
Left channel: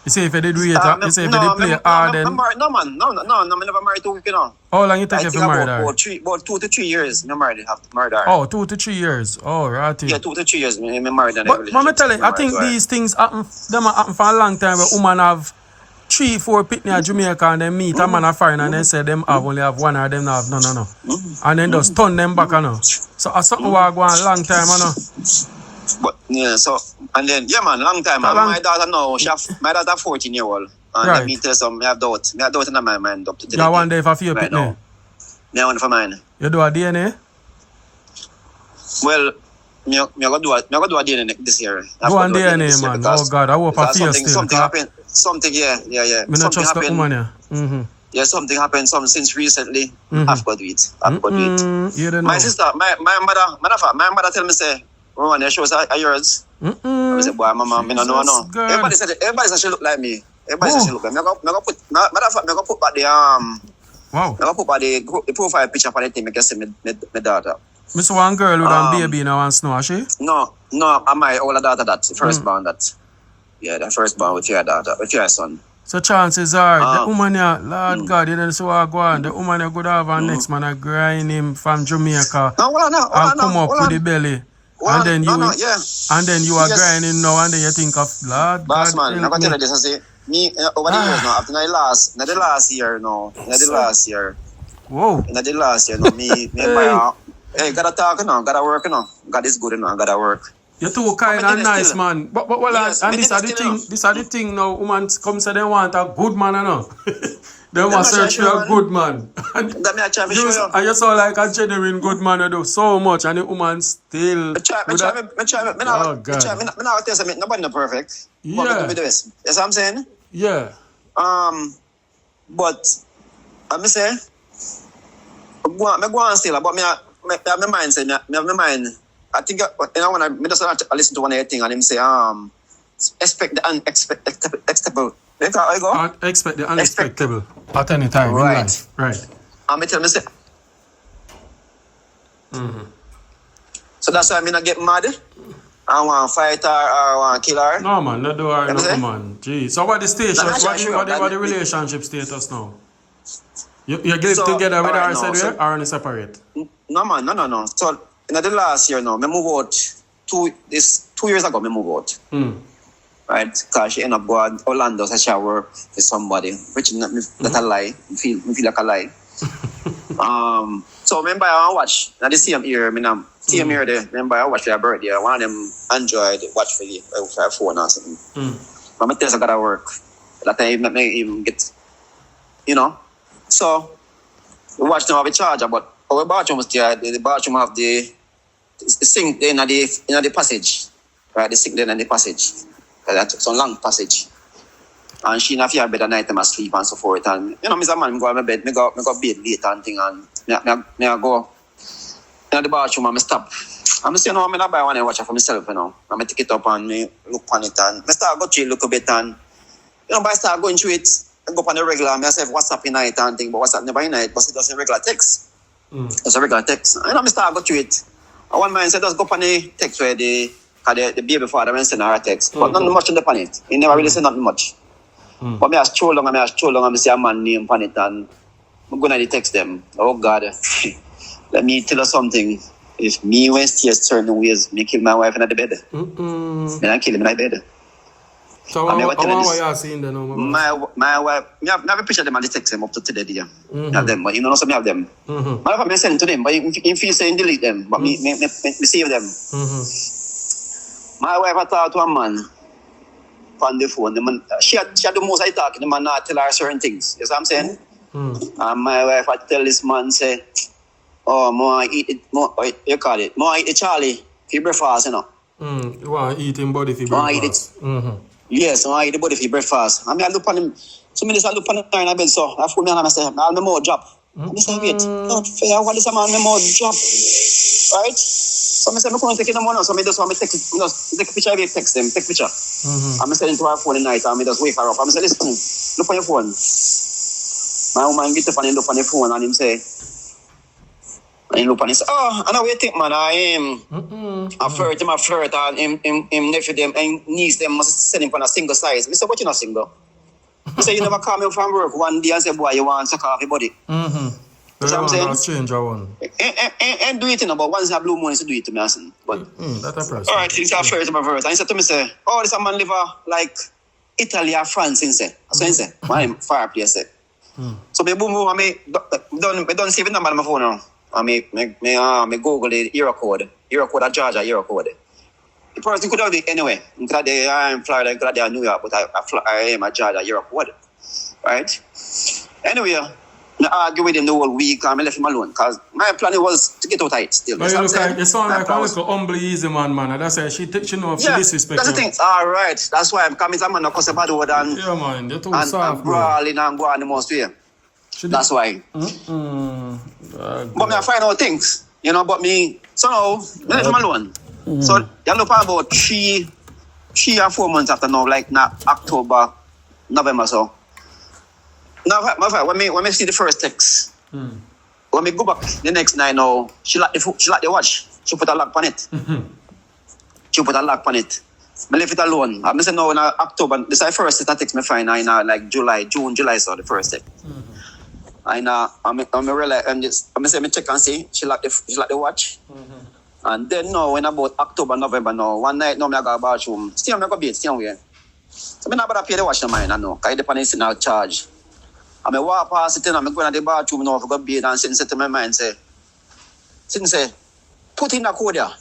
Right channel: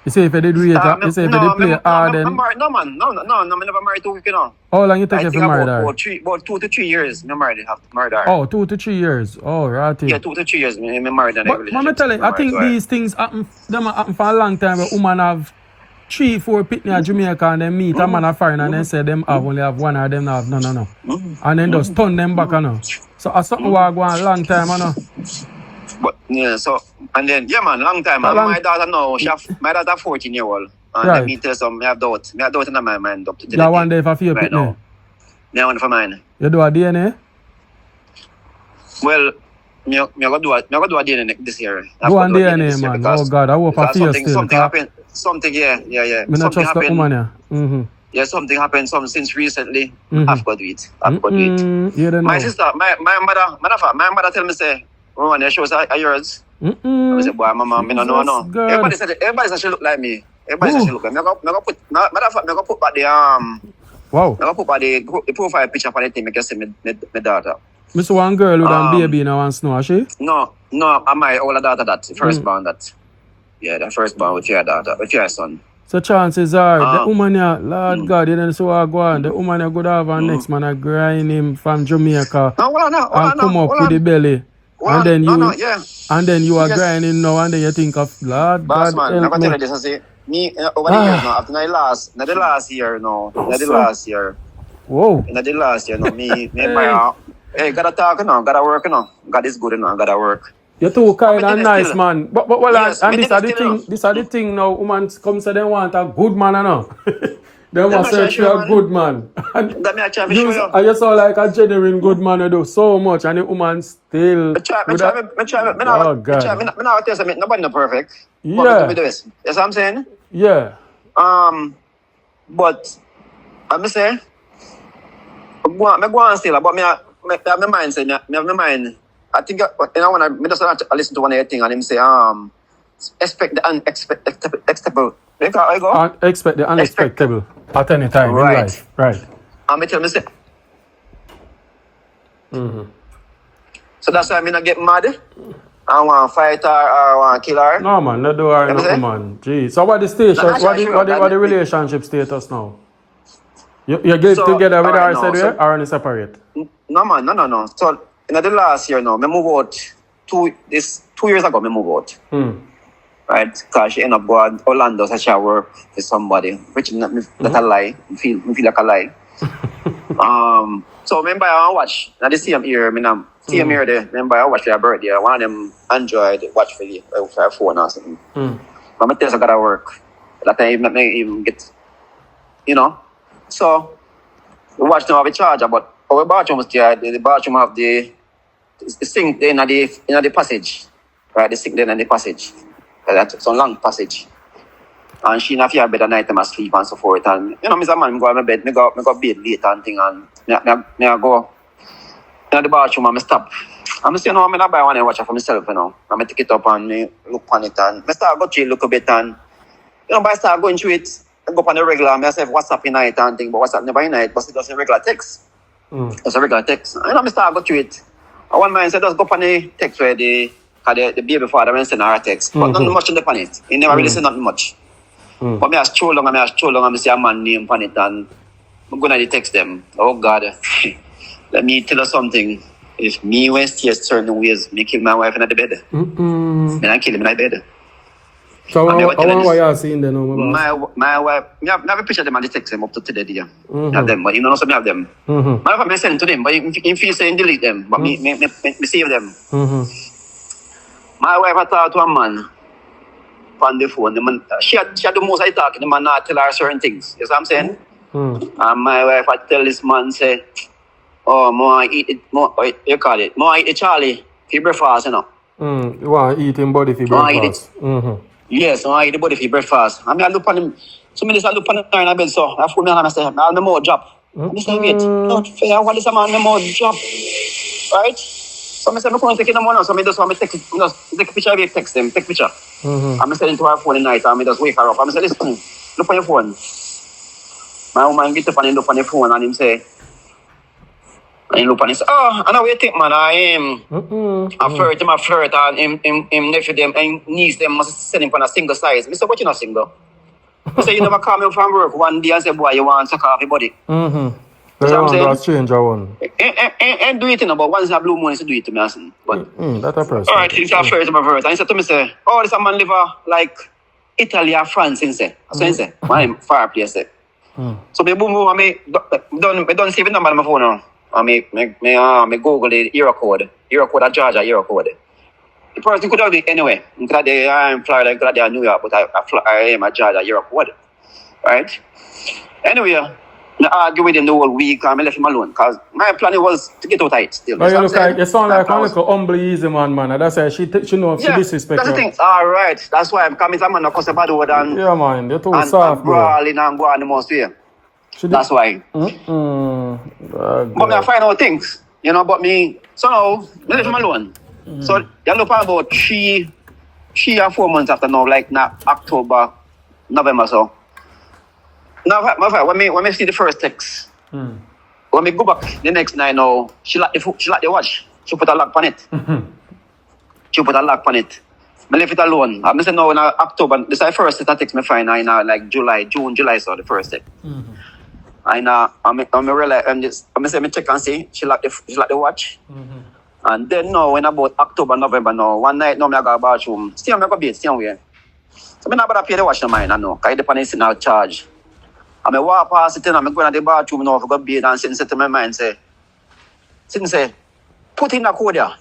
You say if you did wait, you say if you did play hard, then... No, man. No, I never married too quick, you know. How long you take if you married her? About 2 to 3 years, I married her. Oh, 2 to 3 years. Oh, right. Yeah, 2 to 3 years, I married her. But let me tell you, I think these things happen for a long time where women have 3-4 pitney at Jamaica and then meet a man a foreign and then say them only have one or them not have none, no. And then just turn them back, no. So that's something we go on long time, no. But yeah, so and then man, long time. My daughter now, my daughter 14-year-old. And Right. let me tell you something, I have doubt in my mind up to today. You one day for your right pitney? now. Yeah, one for mine. You do a DNA? Well, me go do a DNA this year. Go on DNA, man. Oh God, I hope I feel still. Something happened. Something, yeah. Me not trust the woman, yeah. Yeah, something happened since recently. I've got to do it. You don't know. My sister, my mother tell me say, "Oh, your shows are yours." I say, "Boy, mama, me no. Everybody said she look like me. Everybody said she look like me. Me go put back the Wow. Me go put back the profile picture for the thing. Make you see me daughter. Miss one girl with a baby now and snow, she? No, I'm my older daughter. That the first born. That, yeah, the first born with your daughter, with your son. So chances are, the woman here, Lord God, you don't see what go on. The woman here could have a next man a grind him from Jamaica and come up with the belly. And then you are grinding now and then you think of Lord Boss God. man, I'm gonna tell you this. I say me over the years now, after the last year, no. Whoa. In the last year, no, me buy hey, gotta talk, gotta work, God is good, gotta work. You're too kind and nice, still. man. But well, Yes, and me this did are the still, thing. no. This are the thing now. Women come say they want a good man, no. They want not search for sure, a man. good man. And That me I try to show you. you saw like a genuine good man, you do so much, and the woman still. Me not tell you something, nobody not perfect. Yeah. But me do this. You see what I'm saying? Yeah. But I'm say, me go on still, but me have my mind say, me have my mind. I think when I just listen to one of your thing and him say, expect the unexpected. You go? Expect the unexpected at any time Right. in life. Right. And me tell me say. So that's why I not get mad. I want to fight her or I want to kill her. No man, no do her, You no say? man. Gee. So what the station? No, What the relationship status now? You get So, together with her, alright, said no, we, or on separate? No man, no. So in the last year now, me move out 2 years ago, me move out. Right? Because she ended up going to Orlando so she work for somebody. Which is not a lie. I feel like a lie. So remember I watch. Now the same year, same year there, remember I watch their birthday. One of them Android watch for her phone or something. But my test I gotta work. That time not even get, So we watch them have a charger, but our bathroom was there. The bathroom have the sink there in the passage. Right, the sink there in the passage. That's a long passage. And she not fear bed at night time I sleep and so forth. And me as a man, go to my bed, me go bed late and thing and me I go in the bathroom and me stop. And I say, no, I'm not buy one and watch it for myself, And I take it up and me look on it and I start go through it a little bit and but I start going through it, I go on the regular, I say WhatsApp in night and thing, but WhatsApp never in night, but it's just a regular text. It's a regular text. And I start go through it. And one man said, just go on the text where the baby father went send her a text. But not much on the planet. He never really said nothing much. But me I stroll long and I see a man name on it and I'm going to text them. Oh God, let me tell you something. If me went here certain ways, me kill my wife in the bed. Me not kill him in the bed. So how you seeing them now? My wife, me have a picture of them and they text them up to today. Me have them, but you know so me have them. My wife me send to them, but if you say delete them, but me save them. My wife talked to a man on the phone. The man, she had the most I talk. The man not tell her certain things. You see what I'm saying? And my wife had tell this man say, "Oh, more eat it. More you call it. More eat the Charlie for breakfast, You want to eat him body for breakfast? Yes, I eat the body for breakfast. I mean, I look on him. So me just look on him in the bed. So I phone me and I say, "I'll no more drop." I say, "Wait, not fair. What is a man no more drop?" Right? So I say, "I'm going to take the money." So I just want to take a picture of it, text them, take a picture. I'm sending to her phone at night and I just wake her up. I'm say, "Listen, look on your phone." My woman get up and look on the phone and him say, and he look and he say, "Oh, I know what you think, man. I am a flirt, and him nephew them and niece them must send him for a single size." I say, "What you not single?" I say, "You never come in from work one day and say, boy, you want to suck off your body." That's what I'm saying? Stranger one. And do it, but once in a blue moon, do it to me. But that's a person. all right, he's a flirt, and he said to me, say, "Oh, this a man live like Italy or France, in say. So in say, one far place say. So me boom, I don't save the number on my phone now. I me Google the era code of Georgia, era code. The person could have been anyway. I'm glad they are in Florida, I'm glad they are in New York, but I am at Georgia, era code. Right? Anyway, I argue with him the whole week and I left him alone because my plan was to get out of it still. But you sound like a little humble, easy man. That's why she know if she disrespect that's the thing. All right. That's why I'm coming. I'm not about the word and yeah, man. You're too soft, bro. brawling and go on the most way. That's why. But me I find out things, you know. But me, so now I left him alone. So you look about 3 or 4 months after now, like now October, November, so. Now, when me see the first text, when me go back the next night now, she like the watch. She put a lock on it. She put a lock on it. I left it alone. I'm saying now in October, this is the first text me find in like June, July, so the first text. And I'm realize I'm say me check and see she like the watch. And then now in about October, November now, one night now I go to the bathroom. Still I go bed, still where. So I not pay the watch no mind, I know. Because the dependence in our charge. I walk past it and I'm going to the bathroom now for go bathe and sit to my mind say, put in the code there.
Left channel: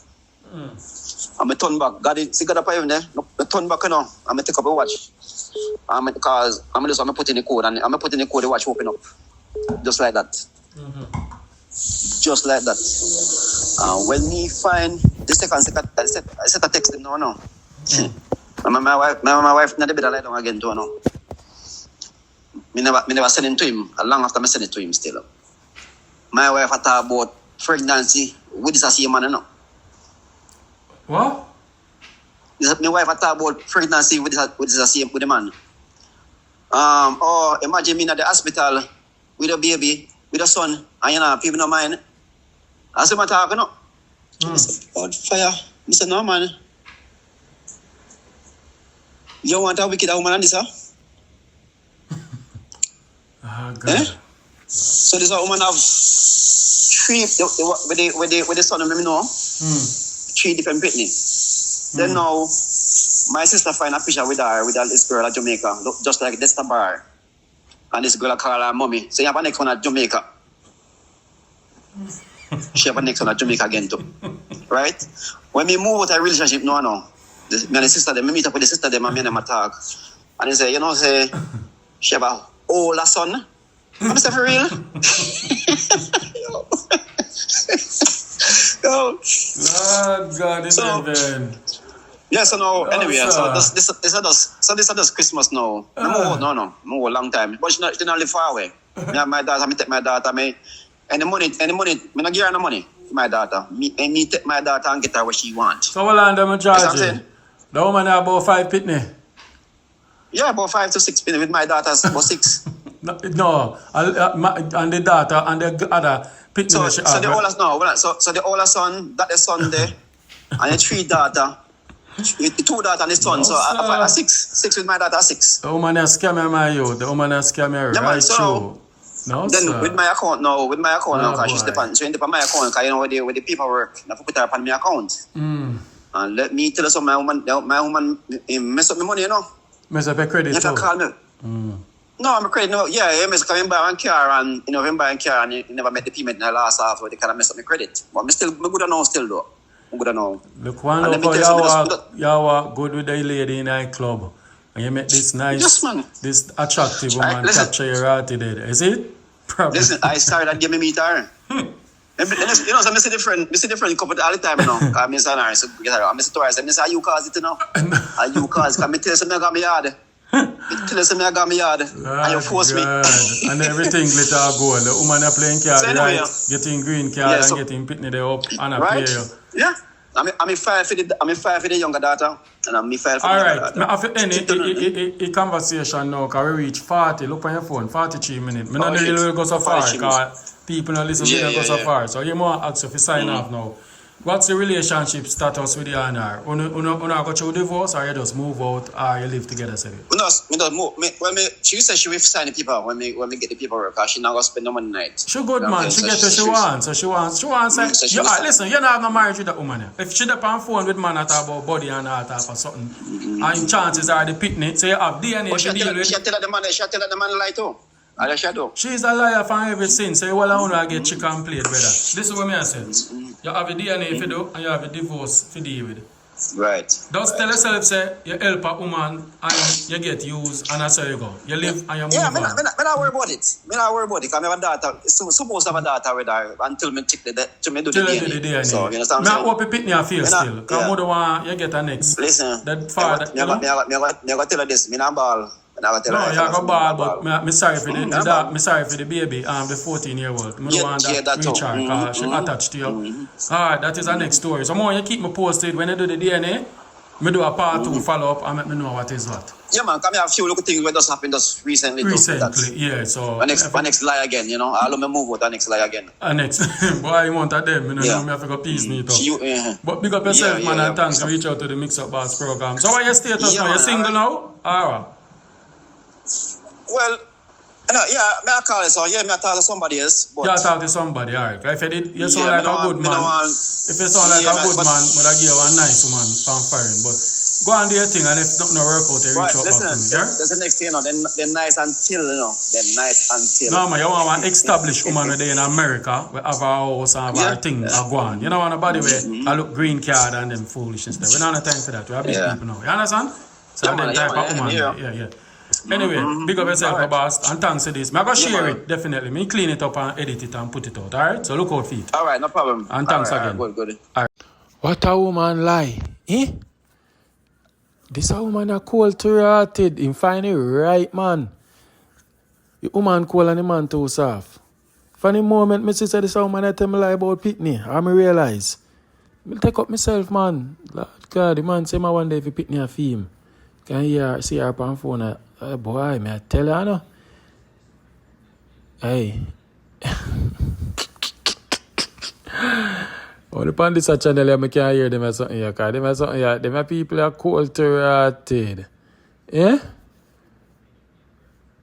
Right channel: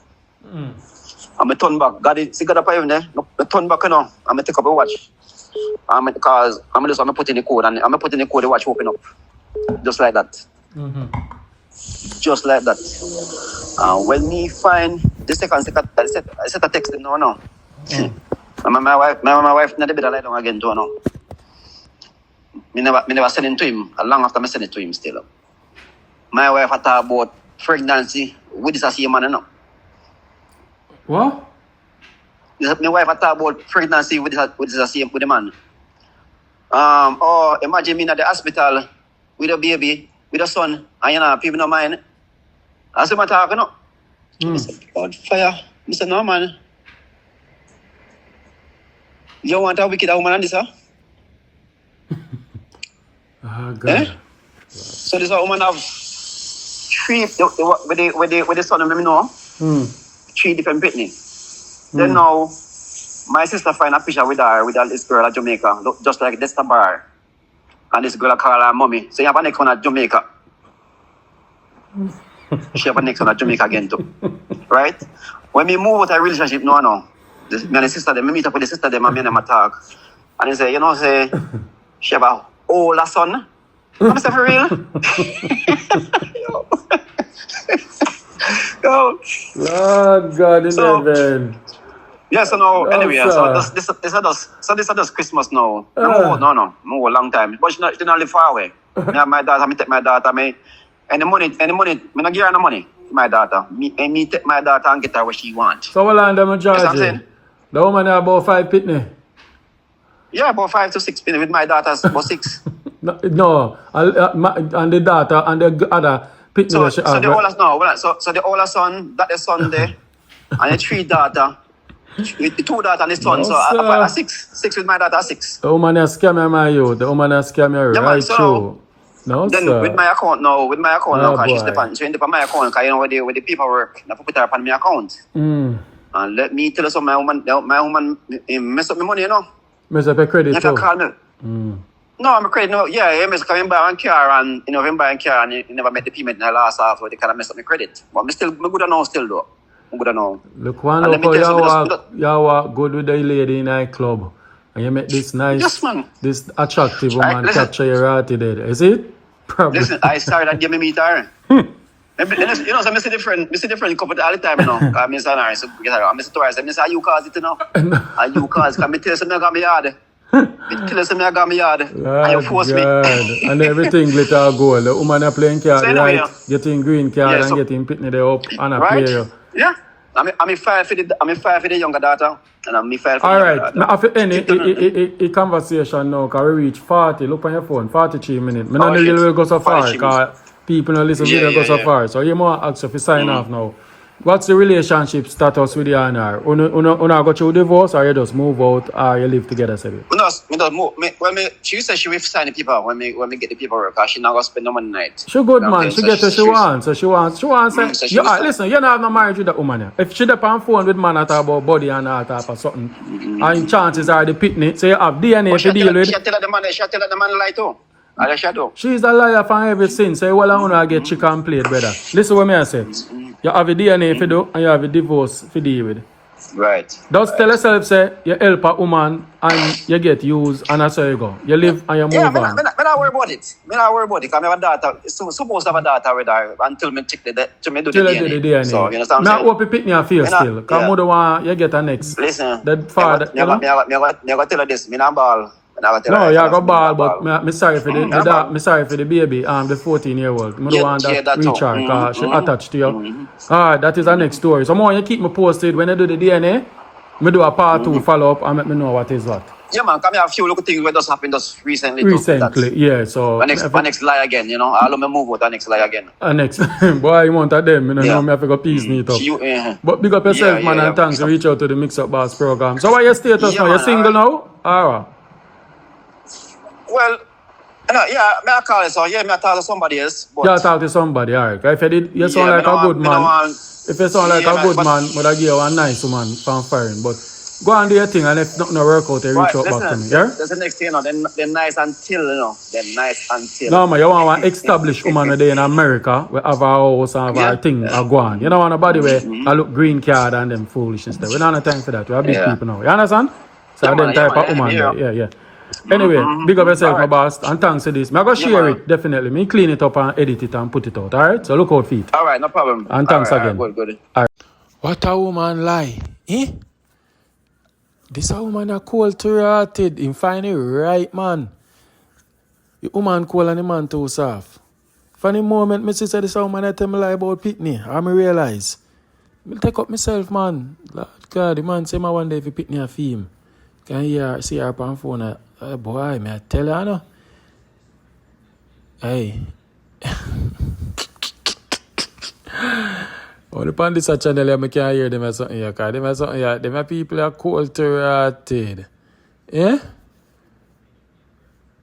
I'm turn back. Got up even there. I turn back now. I'm take up a watch. Because I'm put in the code and I'm put in the code the watch open up. Just like that. Just like that. When me find the second set a text him now. My wife not the bed lie down again to now. Me never send it to him. Long after I send it to him still. My wife had talked about pregnancy with this same man, you know. What? My wife had talked about pregnancy with the man. Imagine me at the hospital with a baby, with a son, and you know, people don't mind. I said, I'm talking, no. I said, God, fire. I said, no, man. You want a wicked woman on this, huh? Oh, God. Eh? So this woman have 3 with the son of me know. 3 different pitney. Then now my sister find a picture with this girl at Jamaica, look just like this bar. And this girl call her mommy. So you have a next one at Jamaica. She have a next one at Jamaica again too. Right? When we move out a relationship me and the sister them, me meet up with the sister them and me and them talk. And they say, you know, she have a older son. I'm saying for real. Yo. Lord God in heaven. Yeah, so now, anyway, so this is just Christmas now. No, a long time. But she not live far away. Me and my daughter, me take my daughter, and the money, me not give her no money to my daughter. Me take my daughter and get her what she want. So what land them in charge? Yes, I'm saying. The woman have about 5 pitney. Yeah, about 5 to 6 pitney with my daughter's about 6. No, and the daughter and the other pitney. So the oldest now, so the oldest son, that the son there, and the 3 daughter. The 2 daughters and the son, no, so I 6 with my daughter 6. The woman has scammed my youth. The woman has scammed me right through. No, then sir. with my account now, because she's dependent on my account, because you know with the paperwork, I put her up on my account. And let me tell you something, my woman mess up my money, you know. Mess up your credit, you have to call me. No, I'm a credit, no, yeah, he mess coming buy one car and, you know, him buy a car and he never met the payment in the last half, so they kind of mess up my credit. But I'm good enough still though. Look, one look how you are good with the lady in a club. And you make this nice, this attractive woman capture your heart today. Is it? Probably. Listen, I started and give me meet her. You know, so I see different couple all the time, you know. Because I'm saying her, so I miss to her, I say, you cause it, you know. And you cause, because I tell you something I got me yard. Tell you something I got me yard. And you force me. And everything glitter gold. The woman are playing card, so right? Getting green card and getting pitney there up and a player. Yeah, I'm 5 for the younger daughter, and I'm 5 for the younger daughter. Now, after any conversation now, because we reach 40, look on your phone, 43 minutes. I don't really go so far, because people don't listen to go so far. So you might ask if you sign off now. What's the relationship status with you and her? Una go through divorce or you just move out or you live together, said you? She said she will sign the paper when me get the paperwork, because she not gonna spend no money night. She good, man. She get what she wants. So she wants so she will listen, you're not no marriage with that woman. Yeah. If she up on phone with man at about body and all type of something, and chances are the picnic, so you have DNA to deal with. She tell her the man lie too. She's a liar from everything. So you wanna get chicken plate, brother. Listen what me I say. You have a DNA for do and you have a divorce for deal with. Right. Just tell yourself, say, you help a woman and you get used and that's how you go. You live and you move on. I don't worry about it. I don't worry about it. Because I have a daughter. Supposed to have a daughter with her until me check till me do the DNA. So, you know what I'm saying? Now, hope you pick me a face still. Because I don't want you get a next. Listen. That father, me go tell her this. Me not ball. No, you have a ball, but me sorry for the sorry for the baby, the 14-year-old. I don't want that reach her because she attached to you. Alright, that is the next story. So more you keep me posted when you do the DNA. Me do a part 2 follow up and let me know what is what. Yeah, man, come here, a few little things that just happened just recently. Yeah, so... The next lie again, you know. I'll me move out the next lie again. Next. Boy, you want that them. You know, me have to go piece me up. But big up yourself, man, and thanks. Reach out to the MIXUP Boss program. So what your status now? You single now? Alright. Well, may I call it so? Yeah, may I talk to somebody else. But... Yeah, talk to somebody, alright. If you sound like a good man, if you sound like a good man, would I give you a nice woman from firing. But go and do your thing, and if nothing work out, you reach out back to me, yeah? That's the next thing, you know. They're nice until, you know. They're nice until. No, man, you want an established woman there in America, we have a house and have a thing, a go on. You don't want nobody where I look green card and them foolishness there. We don't have time for that. We are big people now. You understand? So I don't type of woman there. Yeah. Anyway, big up yourself, my boss, and thanks to this. I'm going to share it, definitely. Me clean it up and edit it and put it out, alright? So look out for it. Alright, no problem. And thanks again. Good. Alright. What a woman lie, eh? This a woman a cold-hearted. Him find it right, man. The woman cold and the man too soft. For the moment, me say this a woman that tell me lie about Pitney, I me realize. Me take up myself, man. Lord God, the man say my one day if Pitney a film. Can you see her on phone? Boy, me I tell her, no. Hey. Only on this channel, I can't hear them as something here. Because them as something here. Them people are cold-hearted. Yeah?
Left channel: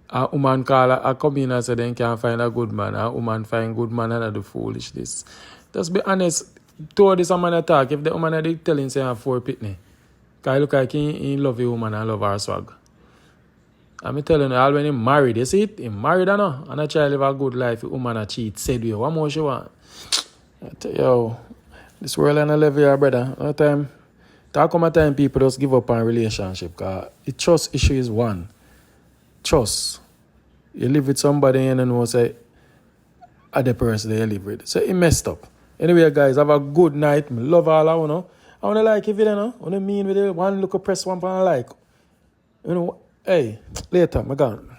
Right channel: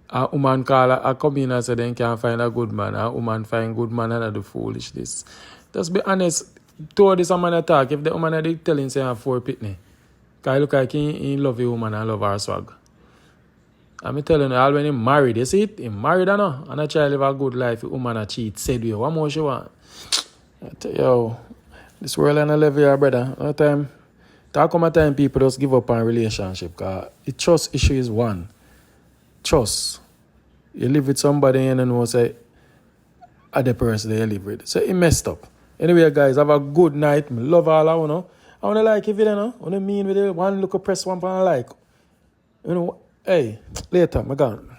A woman call a come in and say they can't find a good man. A woman find good man and do foolishness. Just be honest. Told this a man attack. If the woman are telling say I have 4 Pitney. Because look like he love a woman and love her swag. I'm telling you, all when he married, you see it? He married or no? And I try to live a good life. A woman a cheat. Said you, what more she want? I tell you, this world and I live here, brother. No time. Talk about time people just give up on relationship. Because the trust issue is one. Trust. You live with somebody and you know say other person that you live with. So it messed up. Anyway, guys, have a good night. I love all of you know. I want to like if you know. I want to mean with it. One look press one for like. You know, hey, later, I'm gone.